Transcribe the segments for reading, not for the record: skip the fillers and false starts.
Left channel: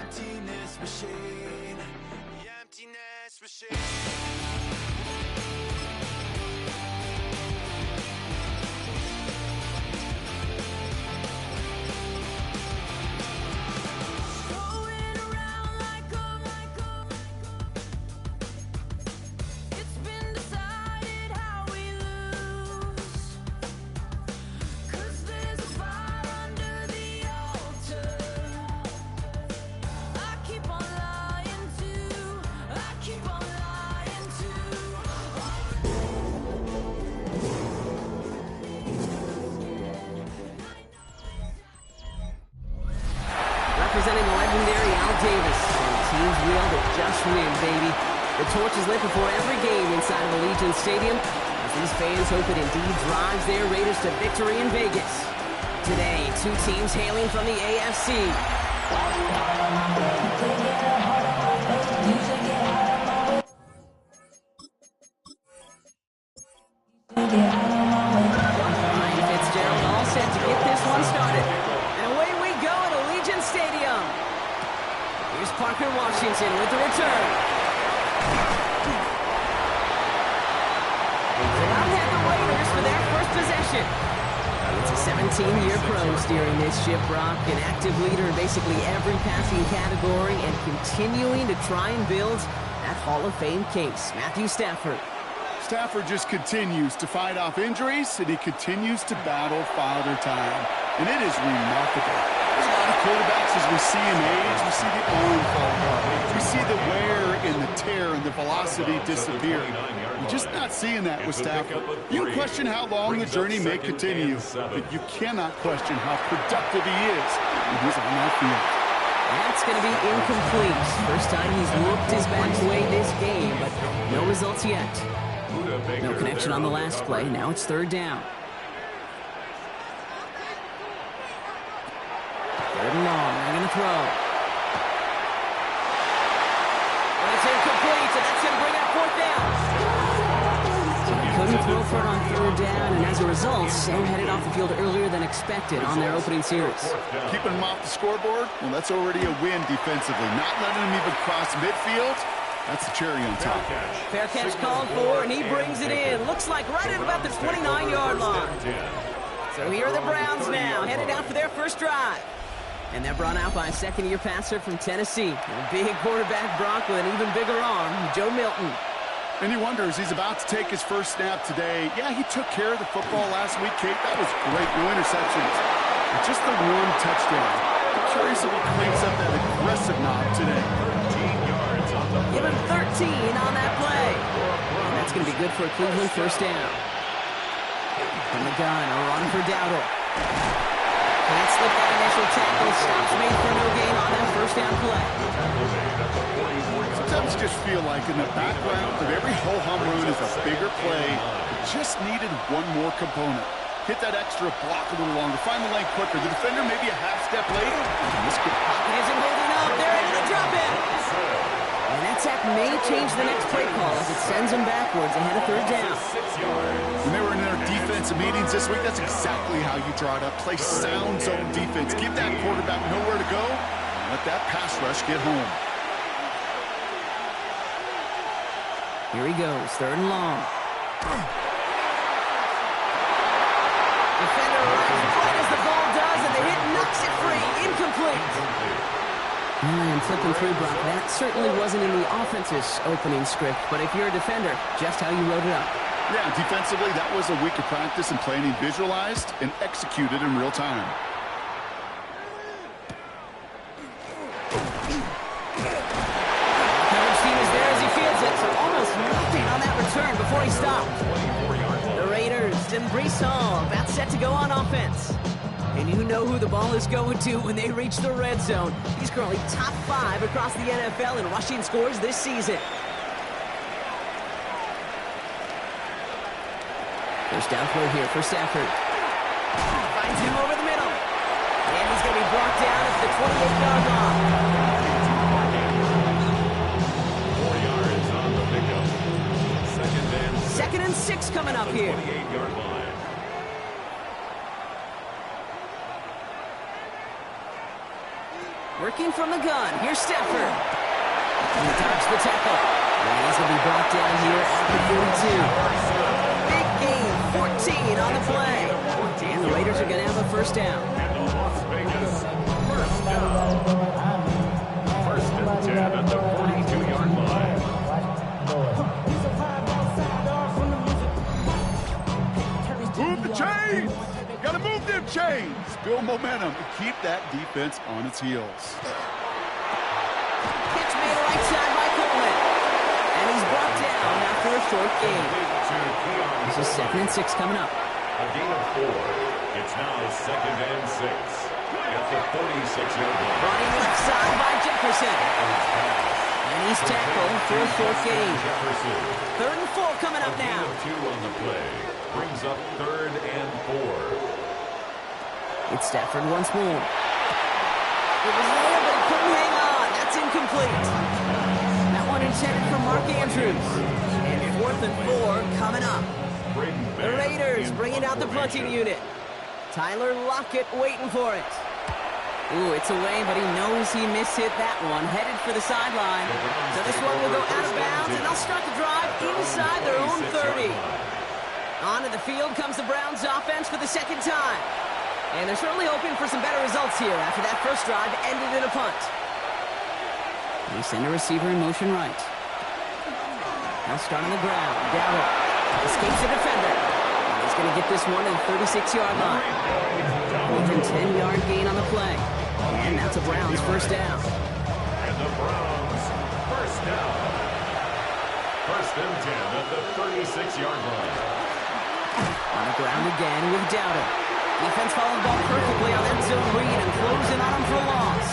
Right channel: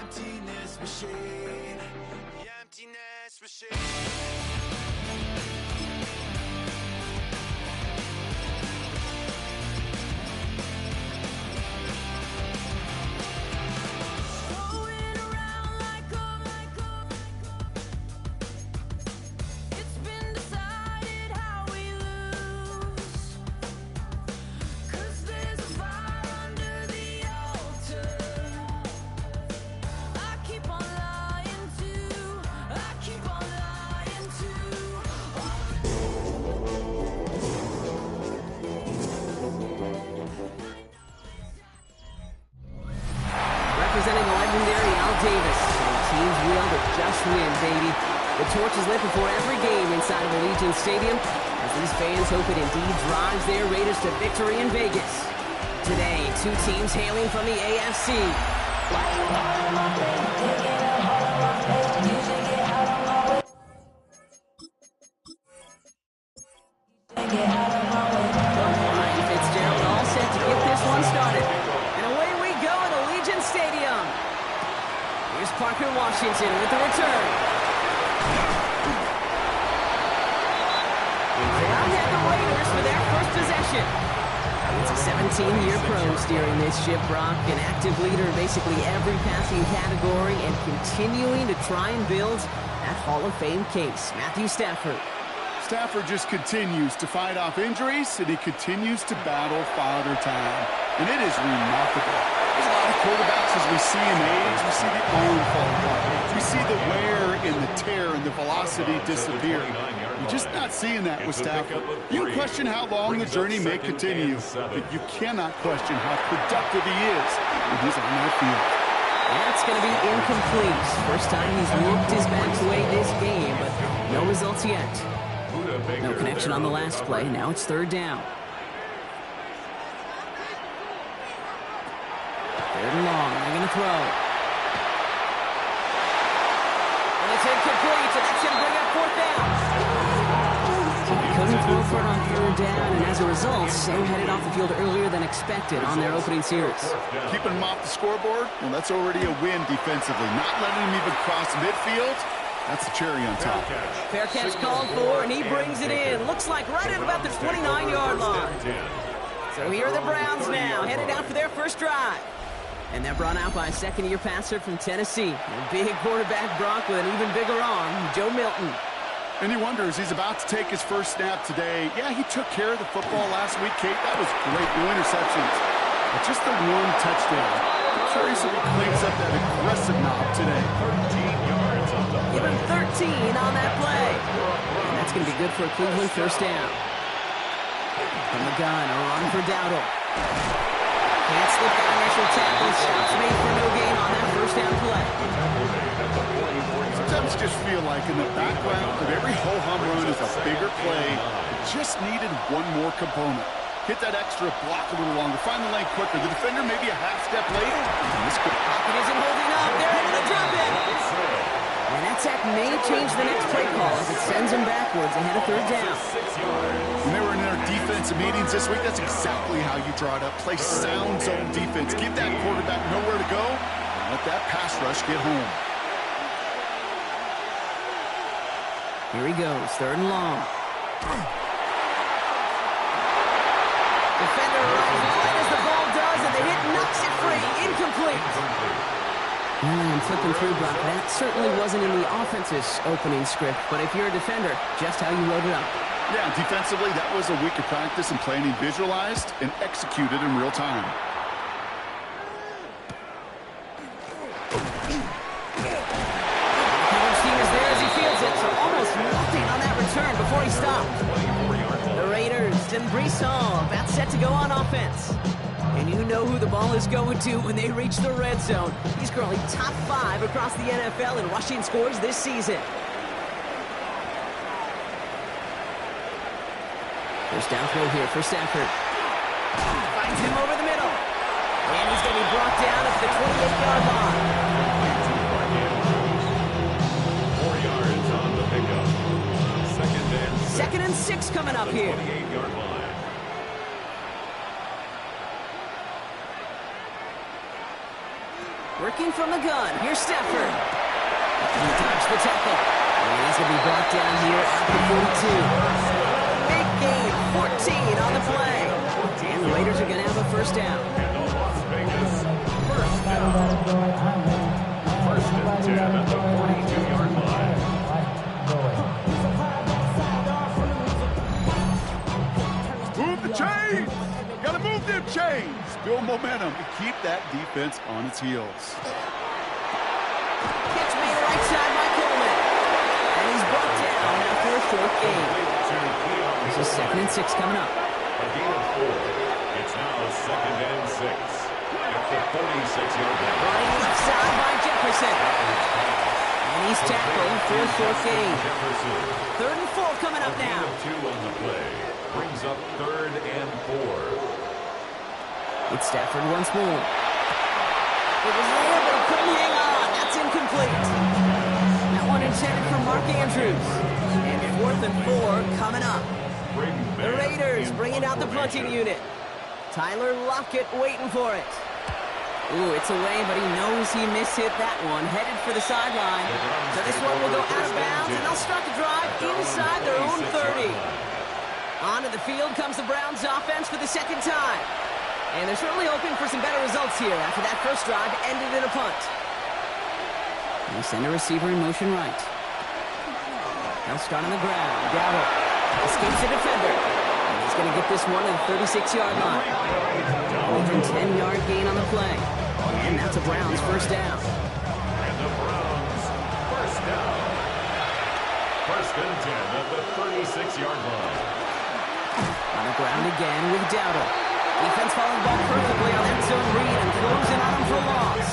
emptiness machine. The emptiness machine. Representing the legendary Al Davis, and teams wield a just win, baby. The torch is lit before every game inside of Allegiant Stadium, as these fans hope it indeed drives their Raiders to victory in Vegas. Today, two teams hailing from the AFC. Ryan Fitzgerald all set to get this one started. And away we go at Allegiant Stadium. Here's Parker Washington with the return. So out head the Raiders for their first possession. It's a 17-year pro steering this ship, Brock, an active leader in basically every passing category and continuing to try and build that Hall of Fame case. Matthew Stafford. Stafford just continues to fight off injuries, and he continues to battle Father Time. And it is remarkable. There's a lot of quarterbacks as we see in age. We see the arm fall apart. We see the wear and the tear and the velocity disappear. You're just not seeing that with Stafford. You can question how long the journey may continue, but you cannot question how productive he is when he's on that field. That's going to be incomplete. First time he's looked his best way this game, but no results yet. No connection on the last play. Now it's third down. Third and long. They're going to throw. And it's incomplete, and that's going to bring up fourth down. So they couldn't throw for it on third down, and as a result, Sam headed off the field earlier than expected on their opening series. Keeping him off the scoreboard? Well, that's already a win defensively. Not letting him even cross midfield? That's the cherry on top. Fair catch called for, and he brings it in. Looks like right at about the 29-yard line. So here are the Browns now, headed out for their first drive. And they're brought out by a second-year passer from Tennessee. A big quarterback, Brock, with an even bigger arm, Joe Milton. And he wonders, he's about to take his first snap today. Yeah, he took care of the football last week, Kate. That was great. No interceptions. But just the one touchdown. I'm curious if he cleans up that aggressive knob today. 13 yards on the play. Give him 13 on that play. And that's going to be good for a Cleveland first down. From the gun, a run for Dowdle. Can't slip that initial tackle. Stops made for no gain on that first down play. Sometimes just feel like in the background of every ho-hum run is a bigger play. It just needed one more component. Hit that extra block a little longer. Find the lane quicker. The defender maybe a half step late. Pocket isn't holding up. They're able to drop it. And that sack may change the next play call as it sends them backwards ahead of third down. When they were in their defensive meetings this week, that's exactly how you draw it up. Play sound zone defense. Give that quarterback nowhere to go. And let that pass rush get home. Here he goes, third and long. Defender arrives right as the ball does, and the hit knocks it free. Incomplete. I'm flipping through, Brock. That certainly wasn't in the offense's opening script, but if you're a defender, just how you wrote it up. Yeah, defensively, that was a week of practice and planning visualized and executed in real time. Coverage team is there as he fields it, so almost nothing on that return before he stopped. The Raiders and Breece Hall about set to go on offense. And you know who the ball is going to when they reach the red zone. He's currently top 5 across the NFL in rushing scores this season. First down throw here for Stafford. Finds him over the middle. And he's going to be brought down at the 28-yard line. 4 yards on the pickup. Second and 6 coming up here. 28-yard line. Working from the gun. Here's Stafford. He dodged the tackle. And he's going to be brought down here at the 42. Big gain, 14 on the play. And the Raiders are going to have a first down. And the Las Vegas first down. First and 10 at the 42-yard line. Move the chains! Gotta move them chains! Build momentum and keep that defense on its heels. Catch made right side by Coleman. And he's brought down after a short gain. This is 2nd and 6 coming up. A gain of 4. It's now 2nd and 6 at the 46-yard line. Running left side by Jefferson. And he's tackled for a short gain. Jefferson. 3rd and 4 coming up now. A gain of 2 on the play. Brings up 3rd and 4. It's Stafford once more. It was there, but he couldn't hang on. That's incomplete. That one intended for Mark Andrews. And 4th and 4 coming up. The Raiders bringing out the punting unit. Tyler Lockett waiting for it. Ooh, it's away, but he knows he mishit that one. Headed for the sideline. So this one will go out of bounds, and they'll start the drive inside their own 30. Onto the field comes the Browns offense for the 2nd time. And they're certainly hoping for some better results here after that first drive ended in a punt. They send a receiver in motion right. They'll start on the ground. Dowdle escapes the defender. And he's going to get this one to the 36-yard line. Even 10-yard gain on the play. And that's a Browns first down. And the Browns first down. 1st and 10 at the 36-yard line. On the ground again with Dowdle. Defense following the ball perfectly on that zone read and closing on him for a loss.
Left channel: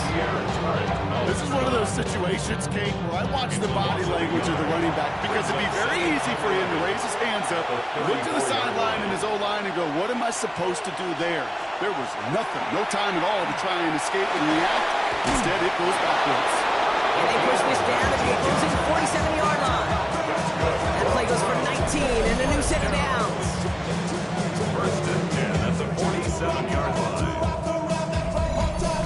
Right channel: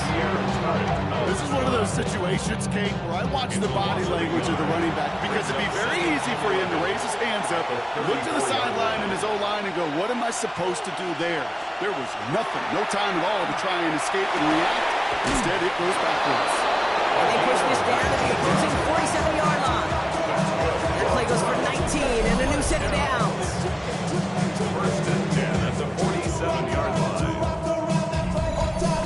This is one of those situations, Kate, where I watch the body language of the running back because it'd be very easy for him to raise his hands up, look to the sideline and his O-line and go, what am I supposed to do there? There was nothing, no time at all to try and escape and react. Instead, it goes backwards. And they push this down to the opposing 47-yard line. That play goes for 19 and a new set of downs. 1st and 10 at the 47-yard line.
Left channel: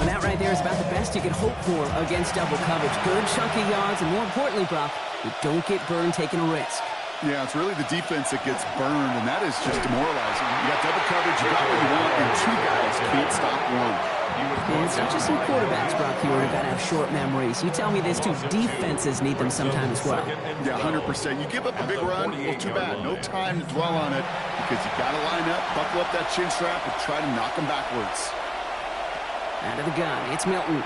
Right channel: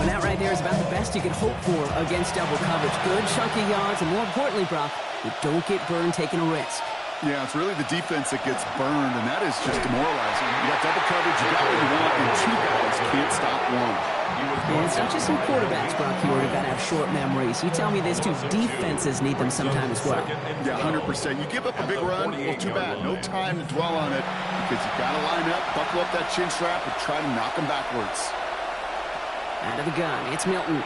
And that right there is about the best you could hope for against double coverage. Good chunky yards, and more importantly, Brock, you don't get burned taking a risk. Yeah, it's really the defense that gets burned, and that is just demoralizing. You got double coverage, you got what you want, and 2 guys can't stop one. And it's not just some quarterbacks, Brock, here who got to have short memories. You tell me this, too. Defenses need them sometime as well. Yeah, 100%. You give up a big run, well, too bad. No time to dwell on it because you got to line up, buckle up that chin strap, and try to knock them backwards. Out of the gun, it's Milton.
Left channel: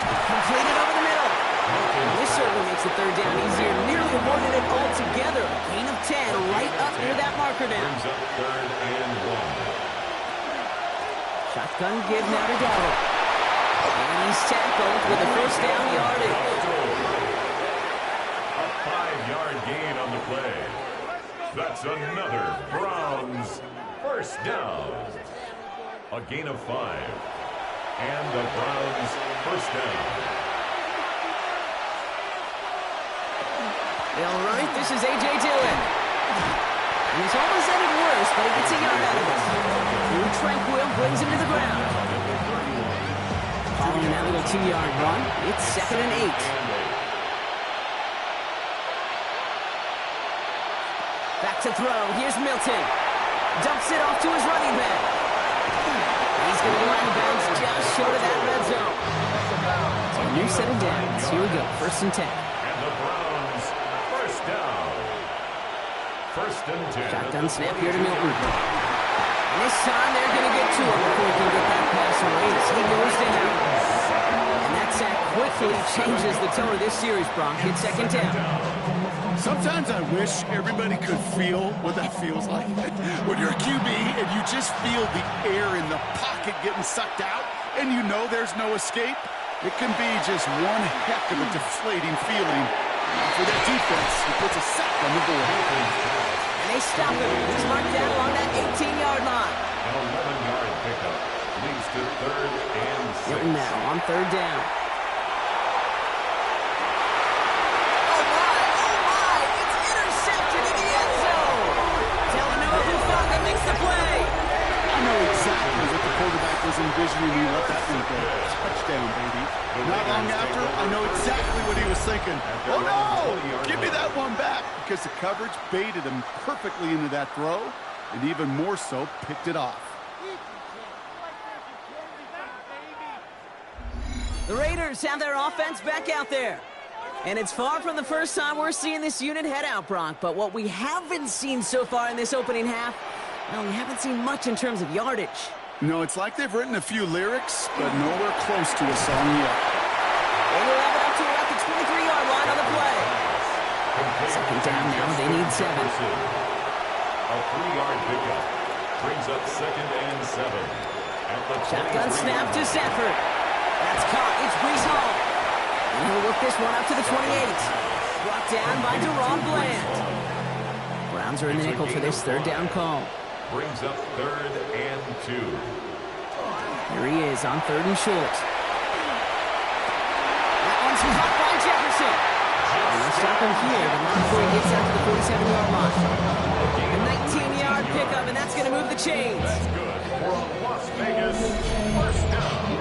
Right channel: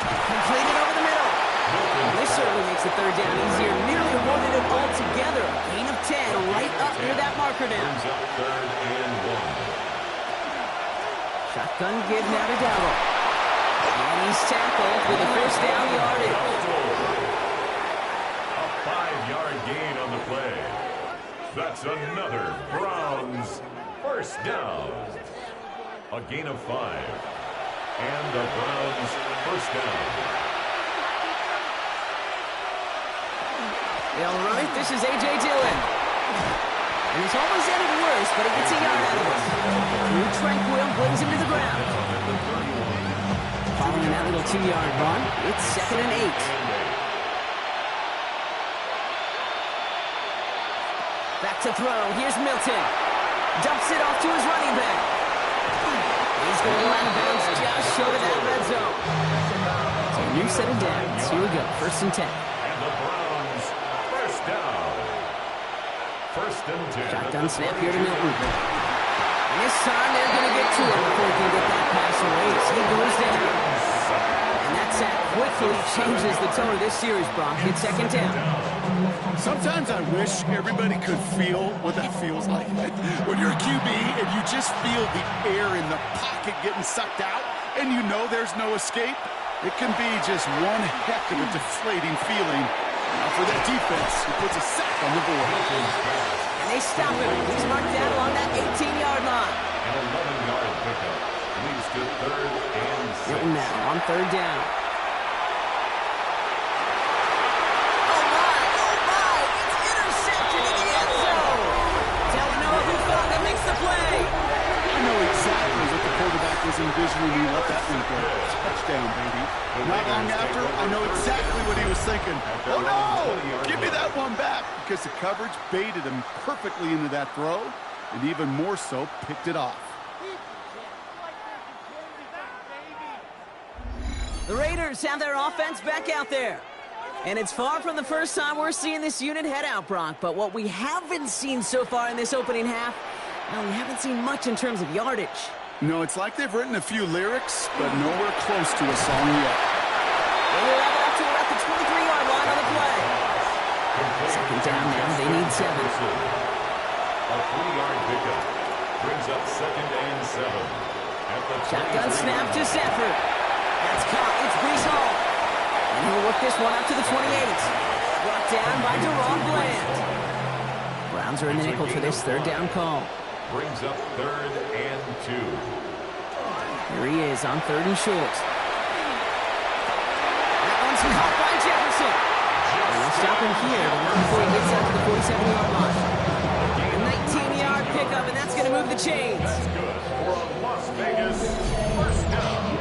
Completed over the middle. Well, this certainly makes the 3rd down easier. Nearly avoided it altogether. Gain of 10 right up near that marker down. Brings up 3rd and 1. Shotgun give now to Dowdle. And he's tackled with a first down yardage. A 5-yard gain on the play. That's another Browns first down. A gain of 5. And the Browns first down. They'll run it. This is A.J. Dillon. And he's almost ended worse, but he gets a yard out of it. Drew Tranquil brings him to the ground. Following that little 2-yard run, it's 2nd and 8. Back to throw. Here's Milton. Dumps it off to his running back. He's going to go out of bounds just short of that red zone. So a new set of downs. Here we go. 1st and 10. And the Browns first down. 1st and 10. Shotgun snap here to Milton. And this time they're going to get to him before he can get that pass away as he goes down. And that sack quickly changes the tone of this series, Brock. It's 2nd down. Sometimes I wish everybody could feel what that feels like. When you're a QB and you just feel the air in the pocket getting sucked out and you know there's no escape, it can be just one heck of a deflating feeling. Now for that defense, he puts a sack on the board. And they stop him. He's marked down along that 18-yard line. An 11-yard pickup leads to 3rd and 6. Milton now on 3rd down. Oh my, it's intercepted in the end zone. Talanoa Hufanga makes the play. I know exactly what the quarterback was envisioning he let that one go. Touchdown, baby. Not long after, I know exactly what he was thinking. Oh, no! Give me that one back, because the coverage baited him perfectly into that throw, and even more so, picked it off. The Raiders have their offense back out there. And it's far from the first time we're seeing this unit head out, Brock. But what we haven't seen so far in this opening half, well, we haven't seen much in terms of yardage. No, it's like they've written a few lyrics, but nowhere close to a song yet. They will have it up to about the 23-yard line on the play. Second down now, they need 7. A 3-yard pickup brings up 2nd and 7. At the Shotgun snap to Stafford. That's caught. It's Breece Hall. And he'll work this one up to the 28. Brought down by Deron Bland. Browns are in the nickel for this 3rd down call. Brings up 3rd and 2. Here he is on 3rd and short. That one's caught by Jefferson. And they'll stop him here, but not before he gets out to the 47-yard line. A 19-yard pickup, and that's going to move the chains. That's good for a Las Vegas 1st down.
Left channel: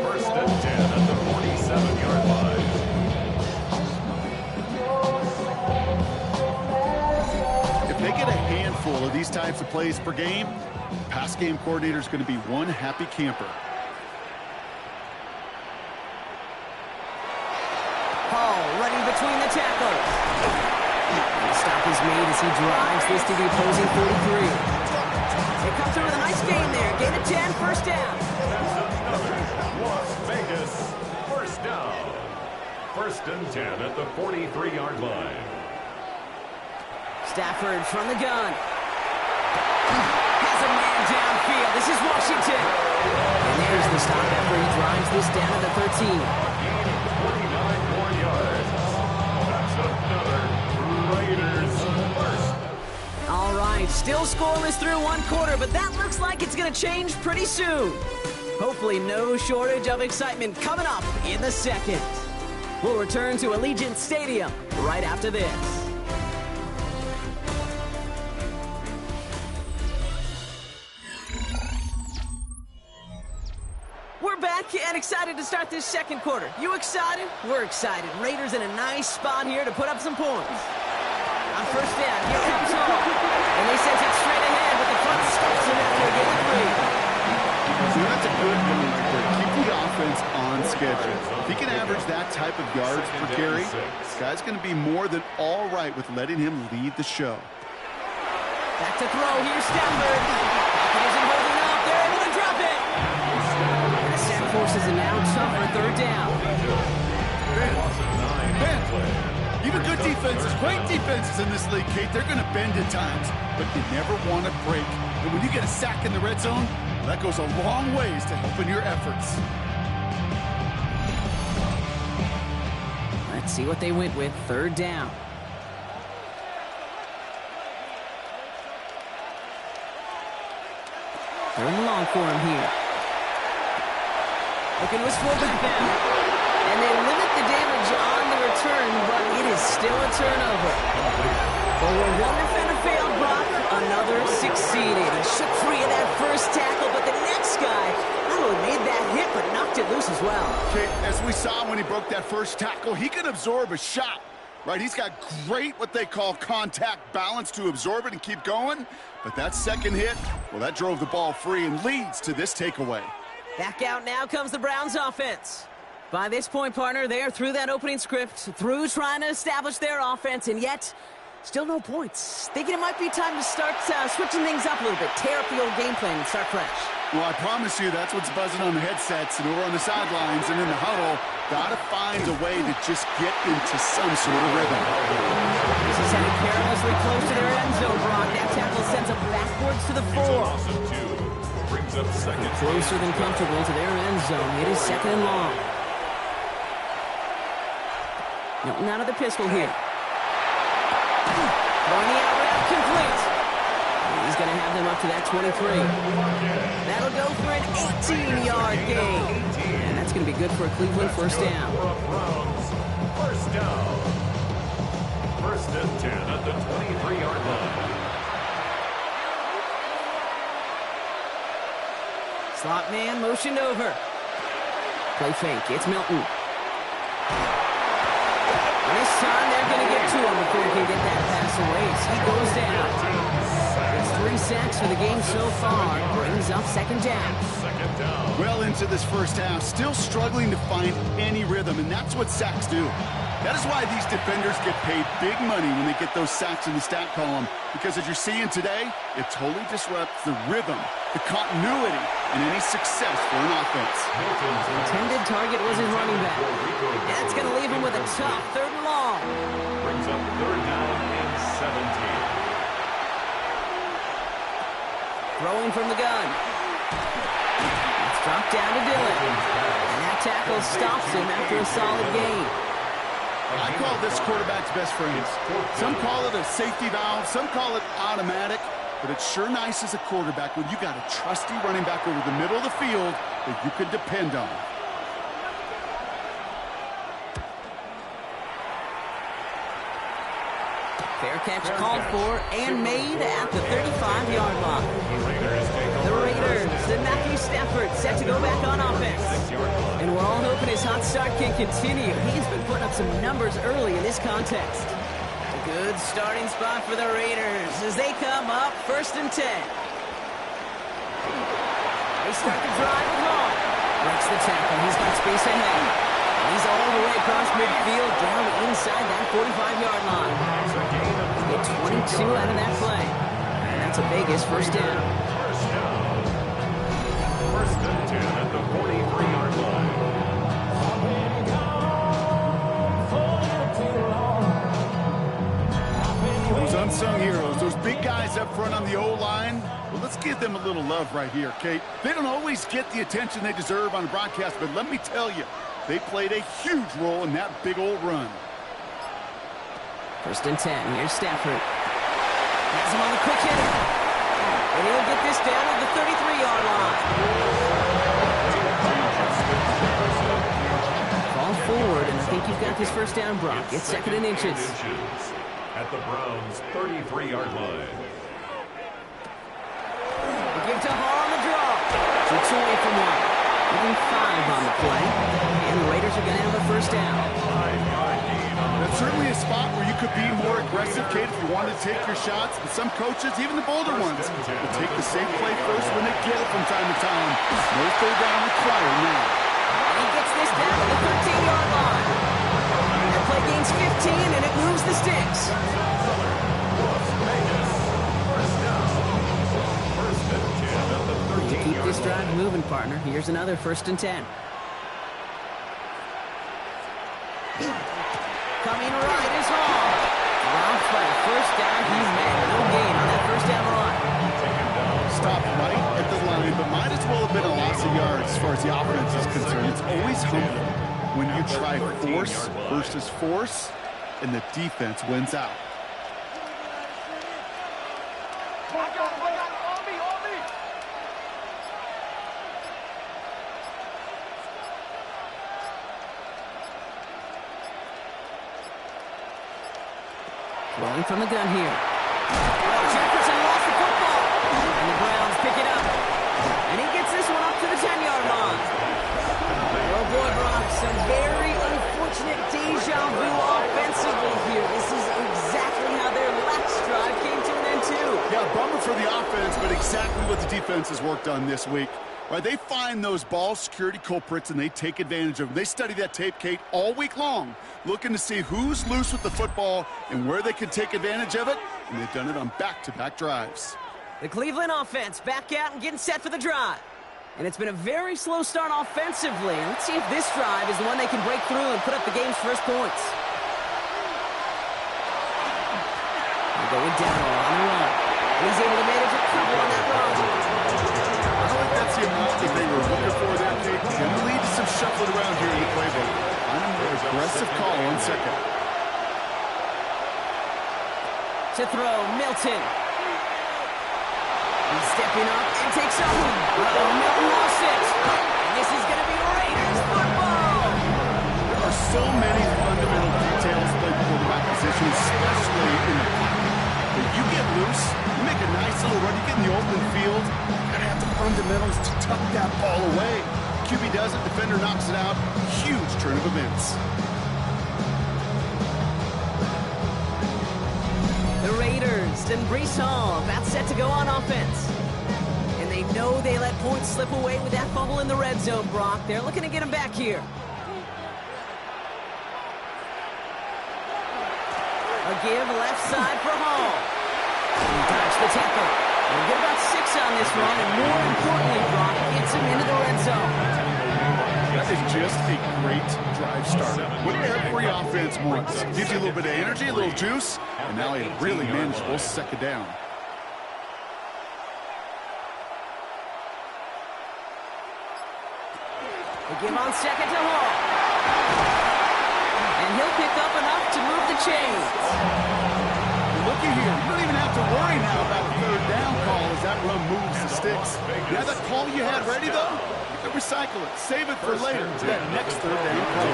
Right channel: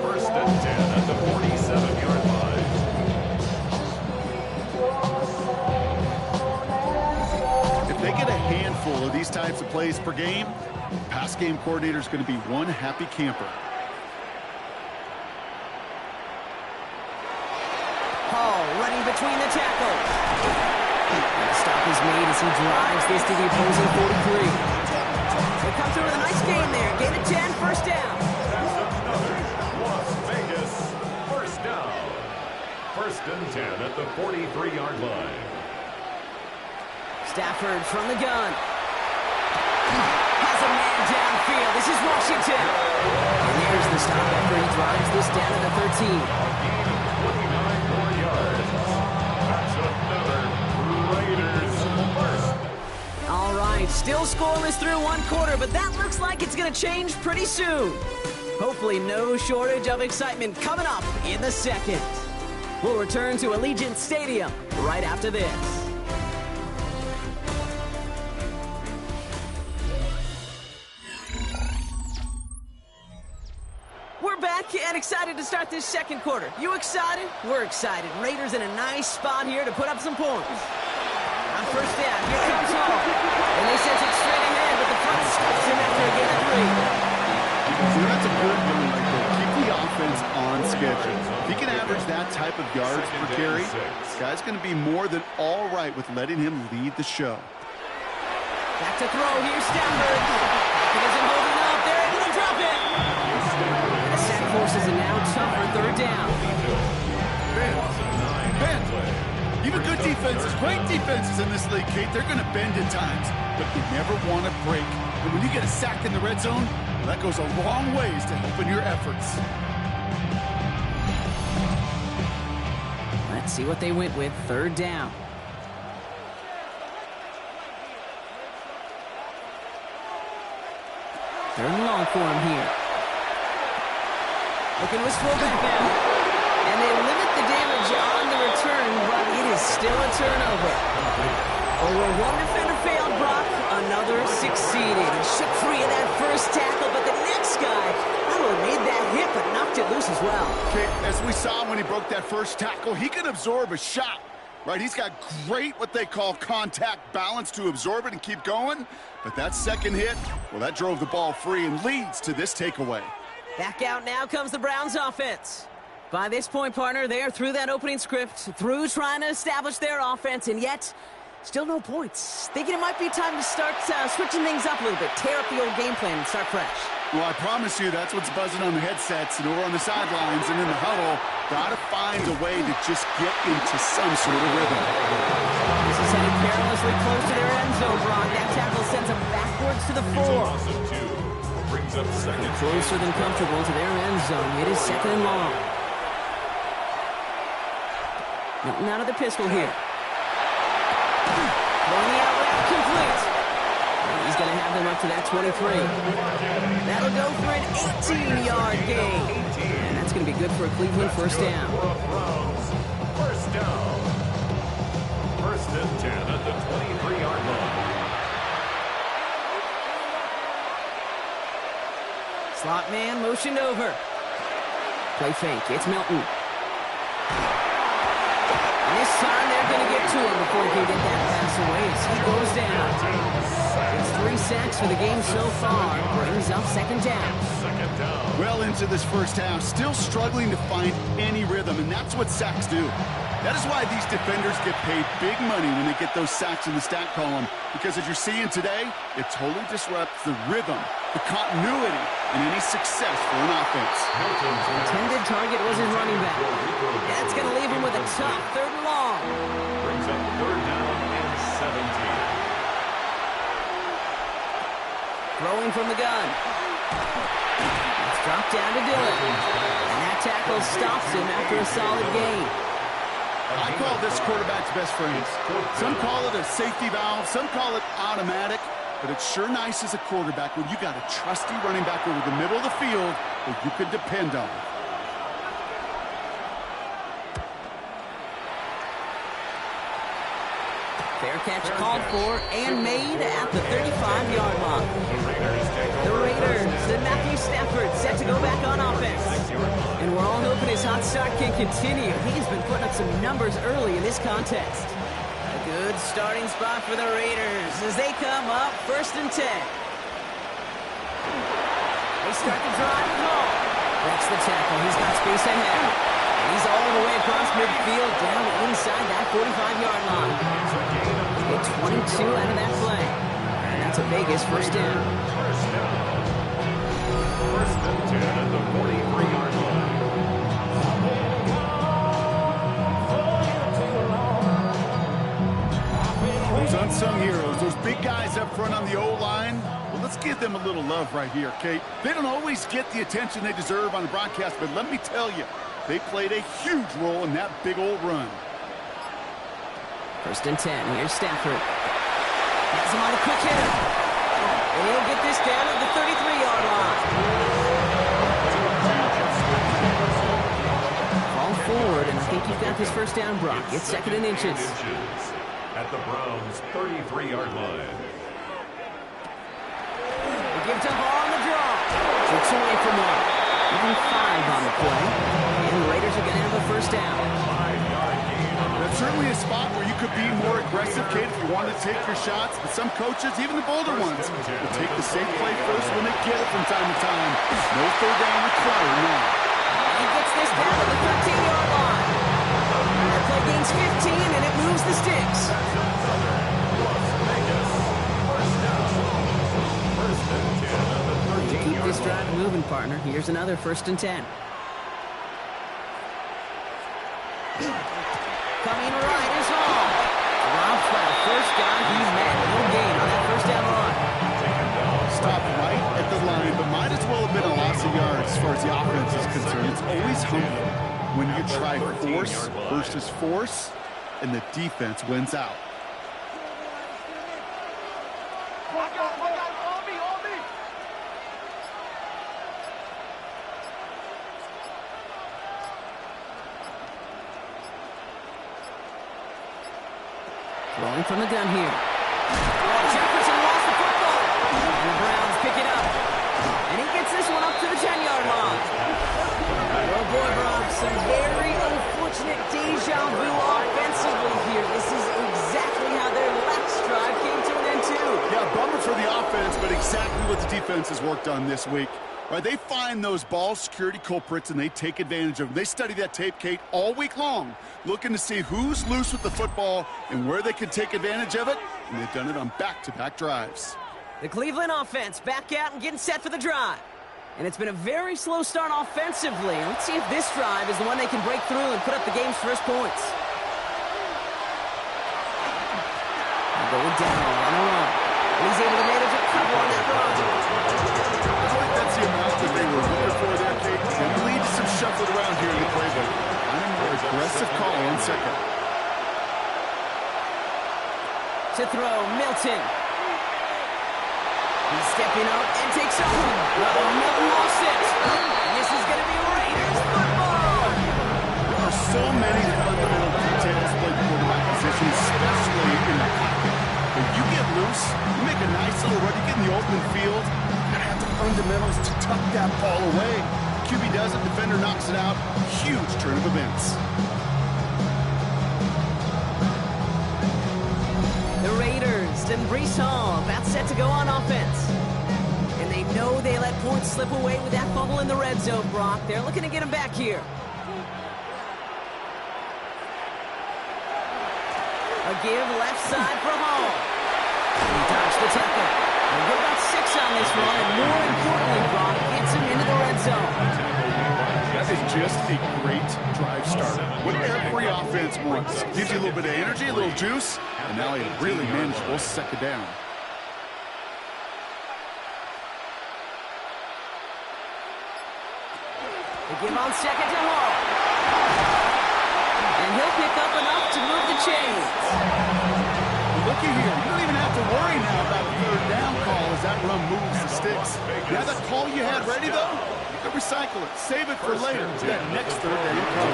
1st and 10 at the 47-yard line. If they get a handful of these types of plays per game, pass game coordinator is going to be one happy camper. Hall running between the tackles. And a stop is made as he drives this to the opposing 43. They come through with a nice gain there. Gain of 10, 1st down. That's another Las Vegas 1st down. 1st and 10 at the 43-yard line. Stafford from the gun. Has a man downfield. This is Washington. And there's the stop after he drives this down to the 13. A gain of 29 more yards. That's another Raiders 1st. All right, still scoreless through 1 quarter, but that looks like it's going to change pretty soon. Hopefully no shortage of excitement coming up in the 2nd. We'll return to Allegiant Stadium right after this. We're back and excited to start this 2nd quarter. You excited? We're excited. Raiders in a nice spot here to put up some points. On 1st down, here comes Hall. And they sent it straight ahead, but the front stops him after a gain of 3. You know, that's a good one right there. Keep the offense on schedule. If he can average that type of yards per carry, this guy's going to be more than all right with letting him lead the show. Back to throw. Here's Stafford. Pocket isn't holding up. They're able to drop it. And the sack forces a now tougher 3rd down. Ben, even good defenses, great defenses in this league, Kate, they're going to bend at times, but they never want to break. And when you get a sack in the red zone, well, that goes a long ways to helping your efforts. Let's see what they went with. 3rd down. Third and long for him here. Looking to his fullback now. And they limit the damage on the return, but it is still a turnover. Well, where one defender failed, Brock, another succeeded. He shook free of that first tackle, but the next guy not only made that hit, but knocked it loose as well. Okay, as we saw when he broke that first tackle, he can absorb a shot, right? He's got great, what they call contact balance to absorb it and keep going. But that second hit, well, that drove the ball free and leads to this takeaway. Back out now comes the Browns offense. By this point, partner, they are through that opening script, through trying to establish their offense, and yet still no points. Thinking it might be time to start switching things up a little bit, tear up the old game plan and start fresh. Well, I promise you that's what's buzzing on the headsets and over on the sidelines and in the huddle. Got to find a way to just get into some sort of rhythm. This is headed perilously close to their end zone, Brock. That tackle sends them backwards to the 4. Brings up 2nd. Closer than comfortable to their end zone. It is 2nd and long. Milton out of the pistol here. Throwing the out route complete. And he's going to have them up to that 23. That'll go for an 18-yard gain. And that's going to be good for a Cleveland 1st down. 1st down. 1st and 10 at the 23-yard line. Slot man motioned over. Play fake. It's Milton. And this time they're going to get to him before he can get that pass away as he goes down. It's 3 sacks for the game so far. Brings up second down. Well into this first half, still struggling to find any rhythm, and that's what sacks do. That is why these defenders get paid big money when they get those sacks in the stat column, because as you're seeing today, it totally disrupts the rhythm, the continuity, and any success for an offense. The intended target was his running back. That's going to leave him with a tough 3rd and long. Brings up 3rd down and 17. Throwing from the gun. It's dropped down to Dillon. And that tackle stops him after a solid gain. I call this quarterback's best friend. Some call it a safety valve, some call it automatic, but it's sure nice as a quarterback when you got a trusty running back over the middle of the field that you can depend on. Fair catch called for and made at the 35-yard line. The Raiders and Matthew Stafford set to go back on offense. And we're all hoping his hot start can continue. He's been putting up some numbers early in this contest. A good starting spot for the Raiders as they come up 1st and 10. They start the drive with Hall. Breaks the tackle. He's got space ahead. He's all the way across midfield, down inside that 45-yard line. Get 22 out of that play. And that's a biggest first down. First down. 1st and 10 at the 43-yard line. Those unsung heroes, those big guys up front on the O-line, well, let's give them a little love right here, Kate. They don't always get the attention they deserve on a broadcast, but let me tell you, they played a huge role in that big old run. 1st and 10. Here's Stafford. Has him on a quick hitter. And he'll get this down at the 33-yard line. Fall forward, and I think you've got this first down, Brock. It's 2nd and inches. At the Browns' 33-yard line. They give to Hall on the draw. Takes away from one. Giving 5 on the play. And the Raiders are going to have a first down. 5-yard gain. That's certainly a spot where you could be more aggressive, Kate, if you wanted to take your shots. But some coaches, even the bolder ones, will take the safe play first when they get it from time to time. No 3rd down required now. And he gets this down to the 13-yard line. That play gains 15, and it moves the sticks. You keep this drive moving, partner. Here's another 1st and 10. Coming right is Hall. Dropped by the first guy he met. No gain on that first down run. Stopped right at the line, but might as well have been a loss of yards as far as the offense is concerned. It's always humbling when you try force versus force, and the defense wins out. Rolling from the gun here. Oh, Jefferson lost the football. And the Browns pick it up. And he gets this one up to the 10-yard line. Oh, boy, Brock, some very unfortunate deja vu offensively here. This is exactly how their last drive came to an end, too. Yeah, bummer for the offense, but exactly what the defense has worked on this week. Right, they find those ball security culprits, and they take advantage of them. They study that tape, Kate, all week long, looking to see who's loose with the football and where they can take advantage of it, and they've done it on back-to-back drives. The Cleveland offense back out and getting set for the drive. And it's been a very slow start offensively. Let's see if this drive is the one they can break through and put up the game's first points. They're going down on the run. And he's able to manage a couple on that run. I don't think that's the amount that they were looking for there, Kate. It's going to lead to some shuffling around here in the playbook. Find a more aggressive call on second. To throw, Milton. He's stepping up and takes off. Milton lost it. And this is going to be Raiders football. There are so many fundamental details played the quarterback position, especially in the pocket. If you get loose, you make a nice little run, you get in the open field, you're going to have the fundamentals to tuck that ball away. QB does it, defender knocks it out. Huge turn of events. The Raiders and Brees Hall about set to go on offense. And they know they let points slip away with that fumble in the red zone, Brock. They're looking to get him back here. A give left side for Hall. He dodged the tackle. We'll get about 6 on this run, and more importantly, Brock gets him into the red zone. That is just a great drive starter. What every offense wants. Gives you a little bit of energy, a little juice, and now a really manageable second down. They give on second to Hall. And he'll pick up enough to move the chains. Looky here. You don't even have to worry now about a third down call as that run moves the sticks. Now that call you had ready, though, you can recycle it. Save it for later. That next third down call.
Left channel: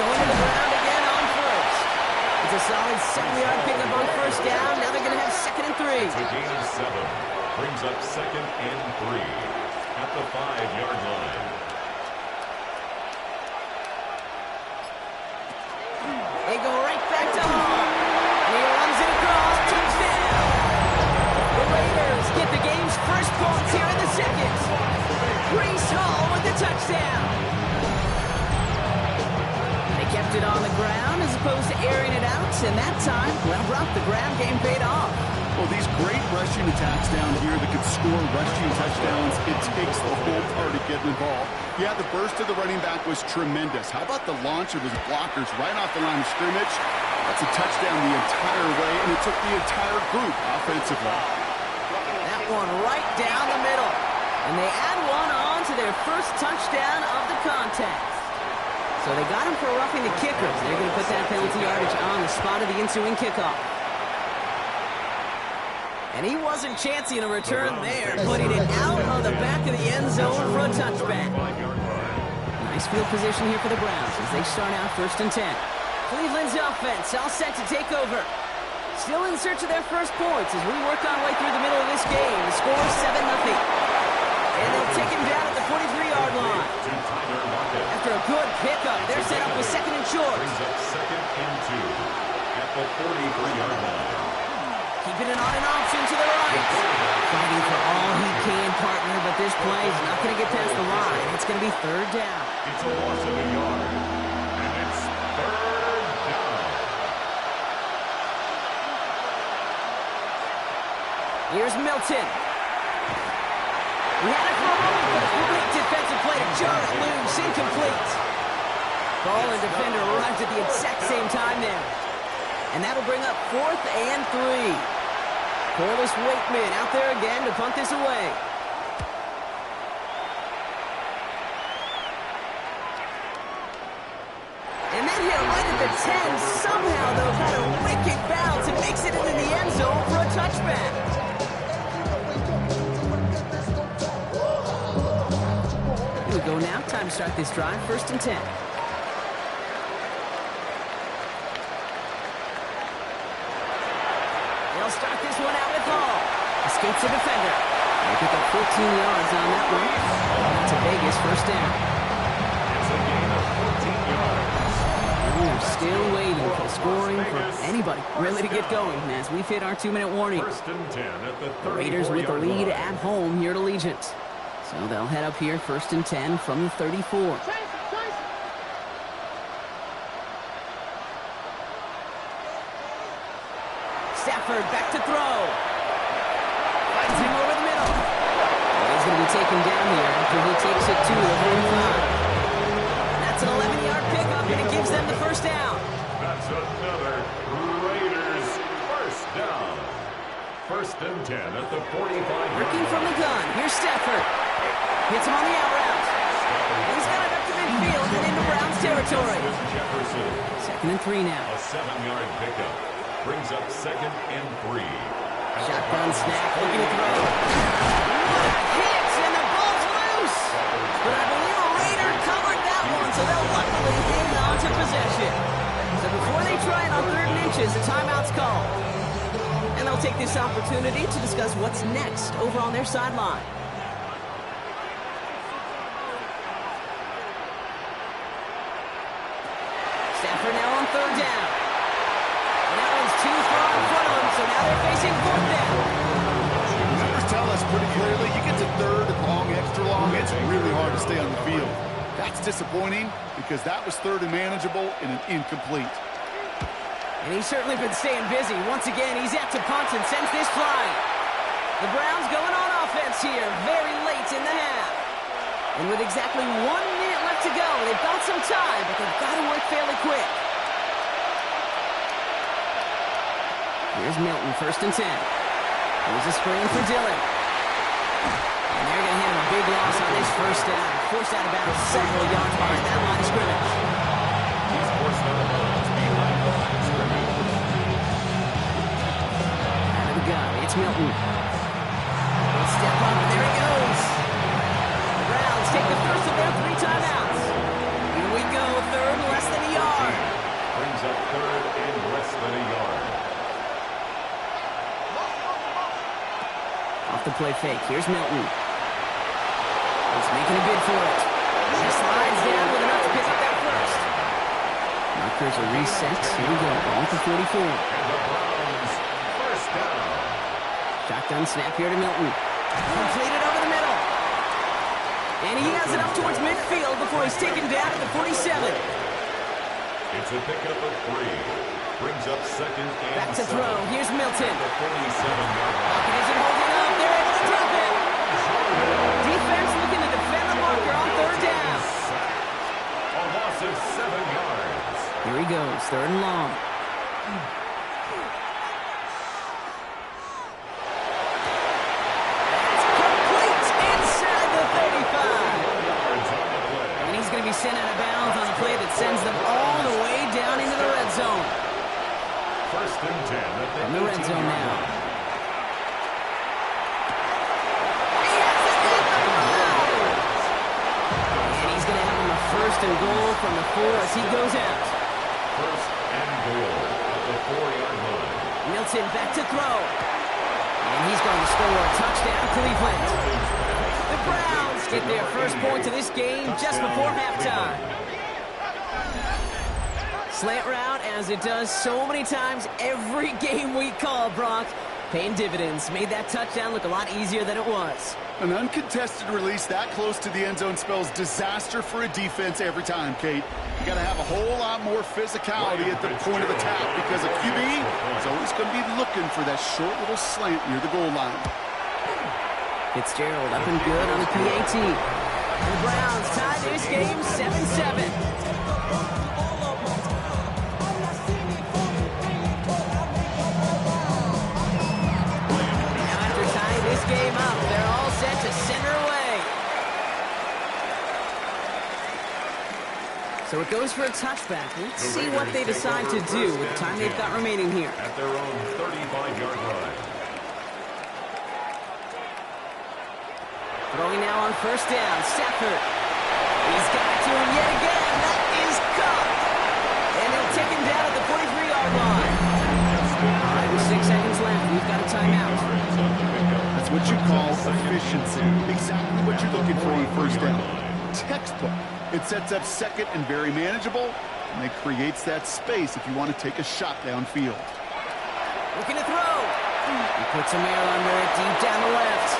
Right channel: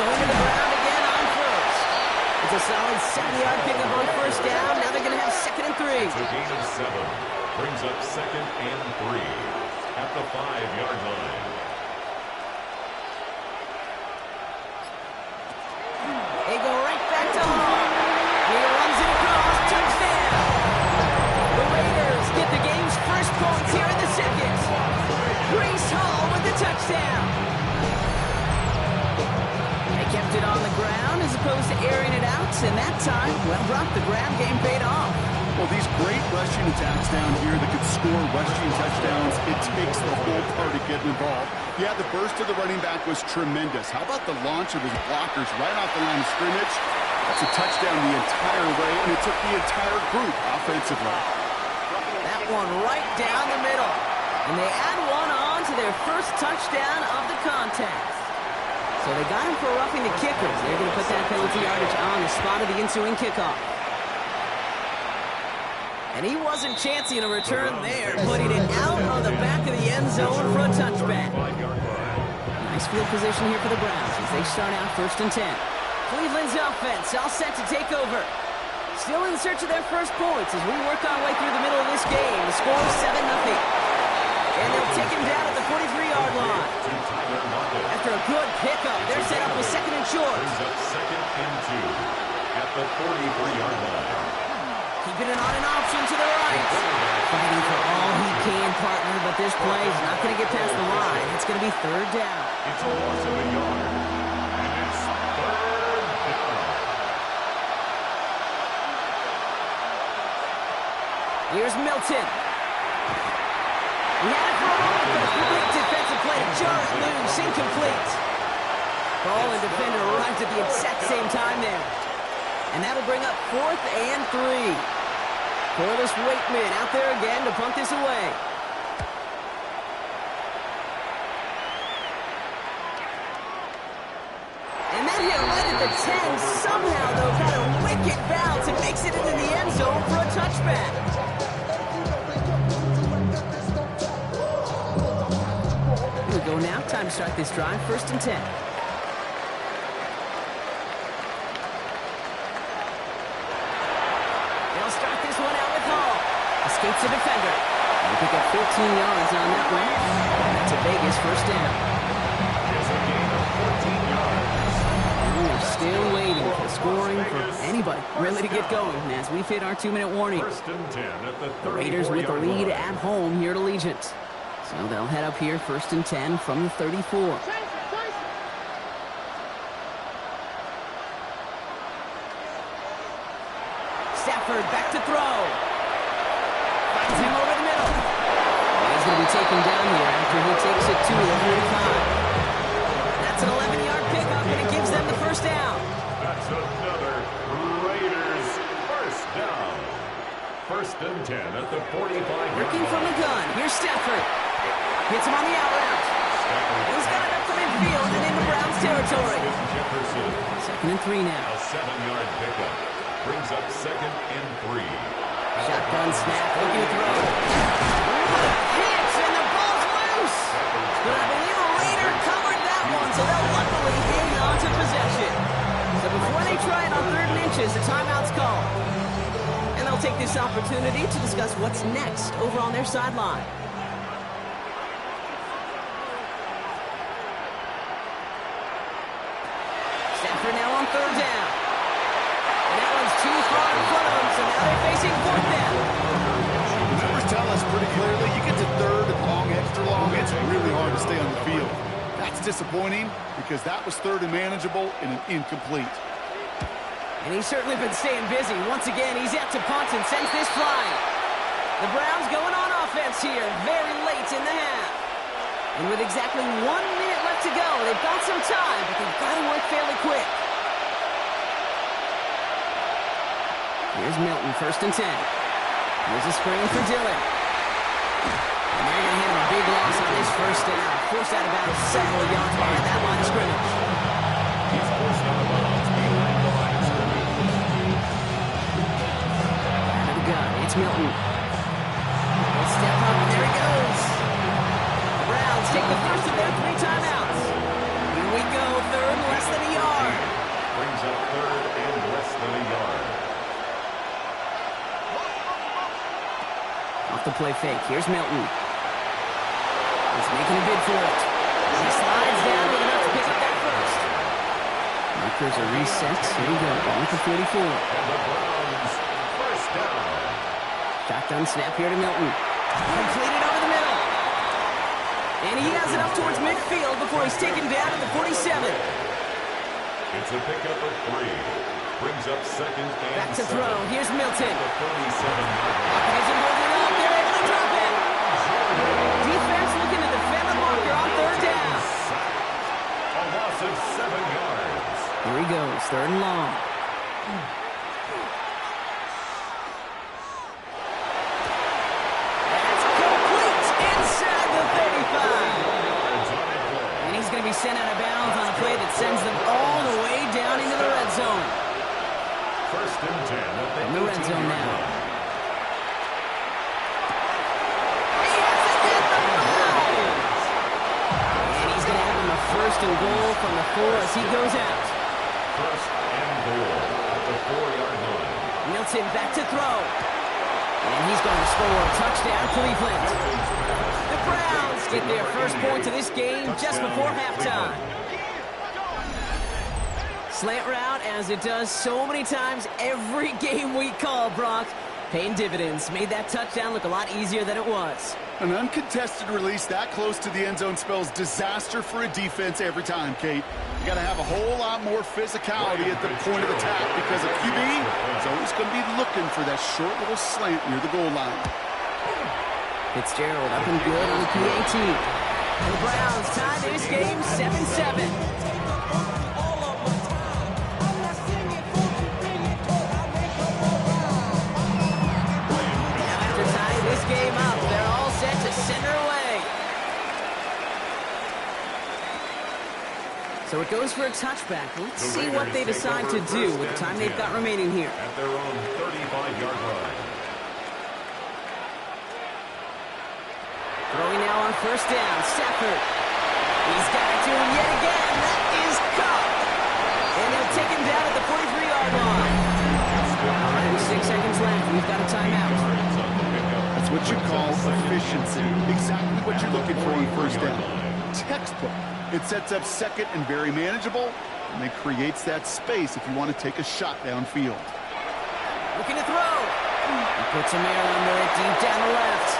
Going to the ground again on first. It's a solid 7-yard pickup on first down. Now they're going to have 2nd and 3. It's a gain of 7. Brings up 2nd and 3 at the 5-yard line. They go right back to Hall. He runs it across. Touchdown. The Raiders get the game's first points here in the second. Brees Hall with the touchdown. They kept it on the ground as opposed to airing it out. And that time, well, Brock, the ground game paid off. Well, these great rushing attacks down here that could score rushing touchdowns, it takes the whole party getting involved. Yeah, the burst of the running back was tremendous. How about the launch of his blockers right off the line of scrimmage? That's a touchdown the entire way, and it took the entire group offensively. That one right down the middle. And they add one on to their first touchdown of the contest. So they got him for roughing the kickers. They're going to put that penalty yardage on the spot of the ensuing kickoff. And he wasn't chancing a return there, putting it out on the back of the end zone for a touchback. Nice field position here for the Browns as they start out 1st and 10. Cleveland's offense all set to take over. Still in search of their first points as we work our way through the middle of this game. The score is 7-0. And they'll take him down at the 43-yard line. After a good pickup, they're set up with 2nd and short. Brings up 2nd and 2 at the 43-yard line. Keeping it on an option to the right. Fighting for all he can, partner, but this play is not going to get past the line. It's going to be 3rd down. It's a loss of a yard, and it's 3rd down. Here's Milton. He had it for a moment, but a great defensive play to jar it loose. Incomplete. Ball and defender arrived at the exact same time there. And that'll bring up 4th and 3. Corliss Waitman out there again to punt this away. And that hit right at the 10. Somehow, though, got a wicked bounce and makes it into the end zone for a touchback. Here we go now. Time to start this drive. 1st and 10. They'll start this one out with Hall. Escapes the defender. They pick up 14 yards on that one. That's a Vegas 1st down. It's a gain of 14 yards. And we're still waiting for scoring for anybody really to get going as we've hit our 2-minute warning. 1st and 10 at the Raiders with the 34-yard lead line. at home here at Allegiant. So they'll head up here 1st and 10 from the 34. Stafford back to throw. Finds him over the middle. And he's going to be taken down here after he takes it to the 45. That's an 11-yard pickup, and it gives them the 1st down. That's another Raiders 1st down. 1st and 10 at the 45-yard Working line. from the gun. Here's Stafford. Hits him on the out route. And he's got it up to midfield and into Browns territory. Jefferson. 2nd and 3 now. A 7-yard pickup. Brings up 2nd and 3. Shotgun snap, looking to throw. What a hit, and the ball's loose. But I believe a Raider covered that one, so they'll luckily hang on to possession. So before they try it on 3rd and inches, the timeout's called. And and they'll take this opportunity to discuss what's next over on their sideline. Stafford now on third down. And that one's too far in front of them, so now they're facing fourth down. The numbers tell us pretty clearly, you get to third and long, extra long, it's really hard to stay on the field. That's disappointing because that was third and manageable and an incomplete. And he's certainly been staying busy. Once again, he's out to punt and sends this flying. The Browns going on offense here very late in the half. And with exactly 1 minute left to go, they've got some time, but they've got to work fairly quick. Here's Milton, 1st and 10. Here's a screen for Dillon. And they're going to hand him a big loss on this first down. Forced out of bounds several yards behind that line of scrimmage. He's forced out of bounds behind the line of scrimmage. Out of the gun, it's Milton. He'll step up, and there he goes. The Browns take the first of their 3 timeouts. Here we go, third, less than a yard. Brings up third and less than a yard. Off the play fake, here's Milton. He's making a bid for it. He slides down with enough to pick up that first. Markers are reset. Here we go, ball for 44. And the Browns, first down. Shotgun snap here to Milton. Completed over the middle. And he has it up towards midfield before he's taken down at the 47. It's a pickup of 3. Brings up second and Back to 7. throw. Here's Milton. The 47-yard line. Pocket isn't holding up. They're able to drop it. Defense looking to defend the marker on third down. A loss of 7 yards. Here he goes, third and long. That's complete inside the 35. Yards on the play. And he's going to be sent out of bounds on a play that sends them all the way down into the red zone. First and 10 at the In the red zone 18-yard now. line. He has it at the 5. And he's going to have him a first and goal from the 4 as he goes out. First and goal at the 4-yard line. Milton back to throw. And he's going to score a touchdown, Cleveland. The Browns get their first point of this game just before halftime. Slant route, as it does so many times every game we call, Brock. Paying dividends. Made that touchdown look a lot easier than it was. An uncontested release that close to the end zone spells disaster for a defense every time, Kate. You got to have a whole lot more physicality at the point of attack because a QB is always going to be looking for that short little slant near the goal line. Fitzgerald up and good on the PAT. And the Browns tie this game 7-7. This game up. They're all set to center away. So it goes for a touchback. Let's see what they decide to do with the time they've got remaining here. At their own 35-yard line. Throwing now on first down. Stafford. He's got it to him yet again. That is caught. And they'll take him down at the 43-yard line. All right, with 6 seconds left, we've got a timeout. That's what you call efficiency. Exactly what you're looking for on first down. Textbook. It sets up second and very manageable, and it creates that space if you want to take a shot downfield. Looking to throw. He puts some air under it deep down the left.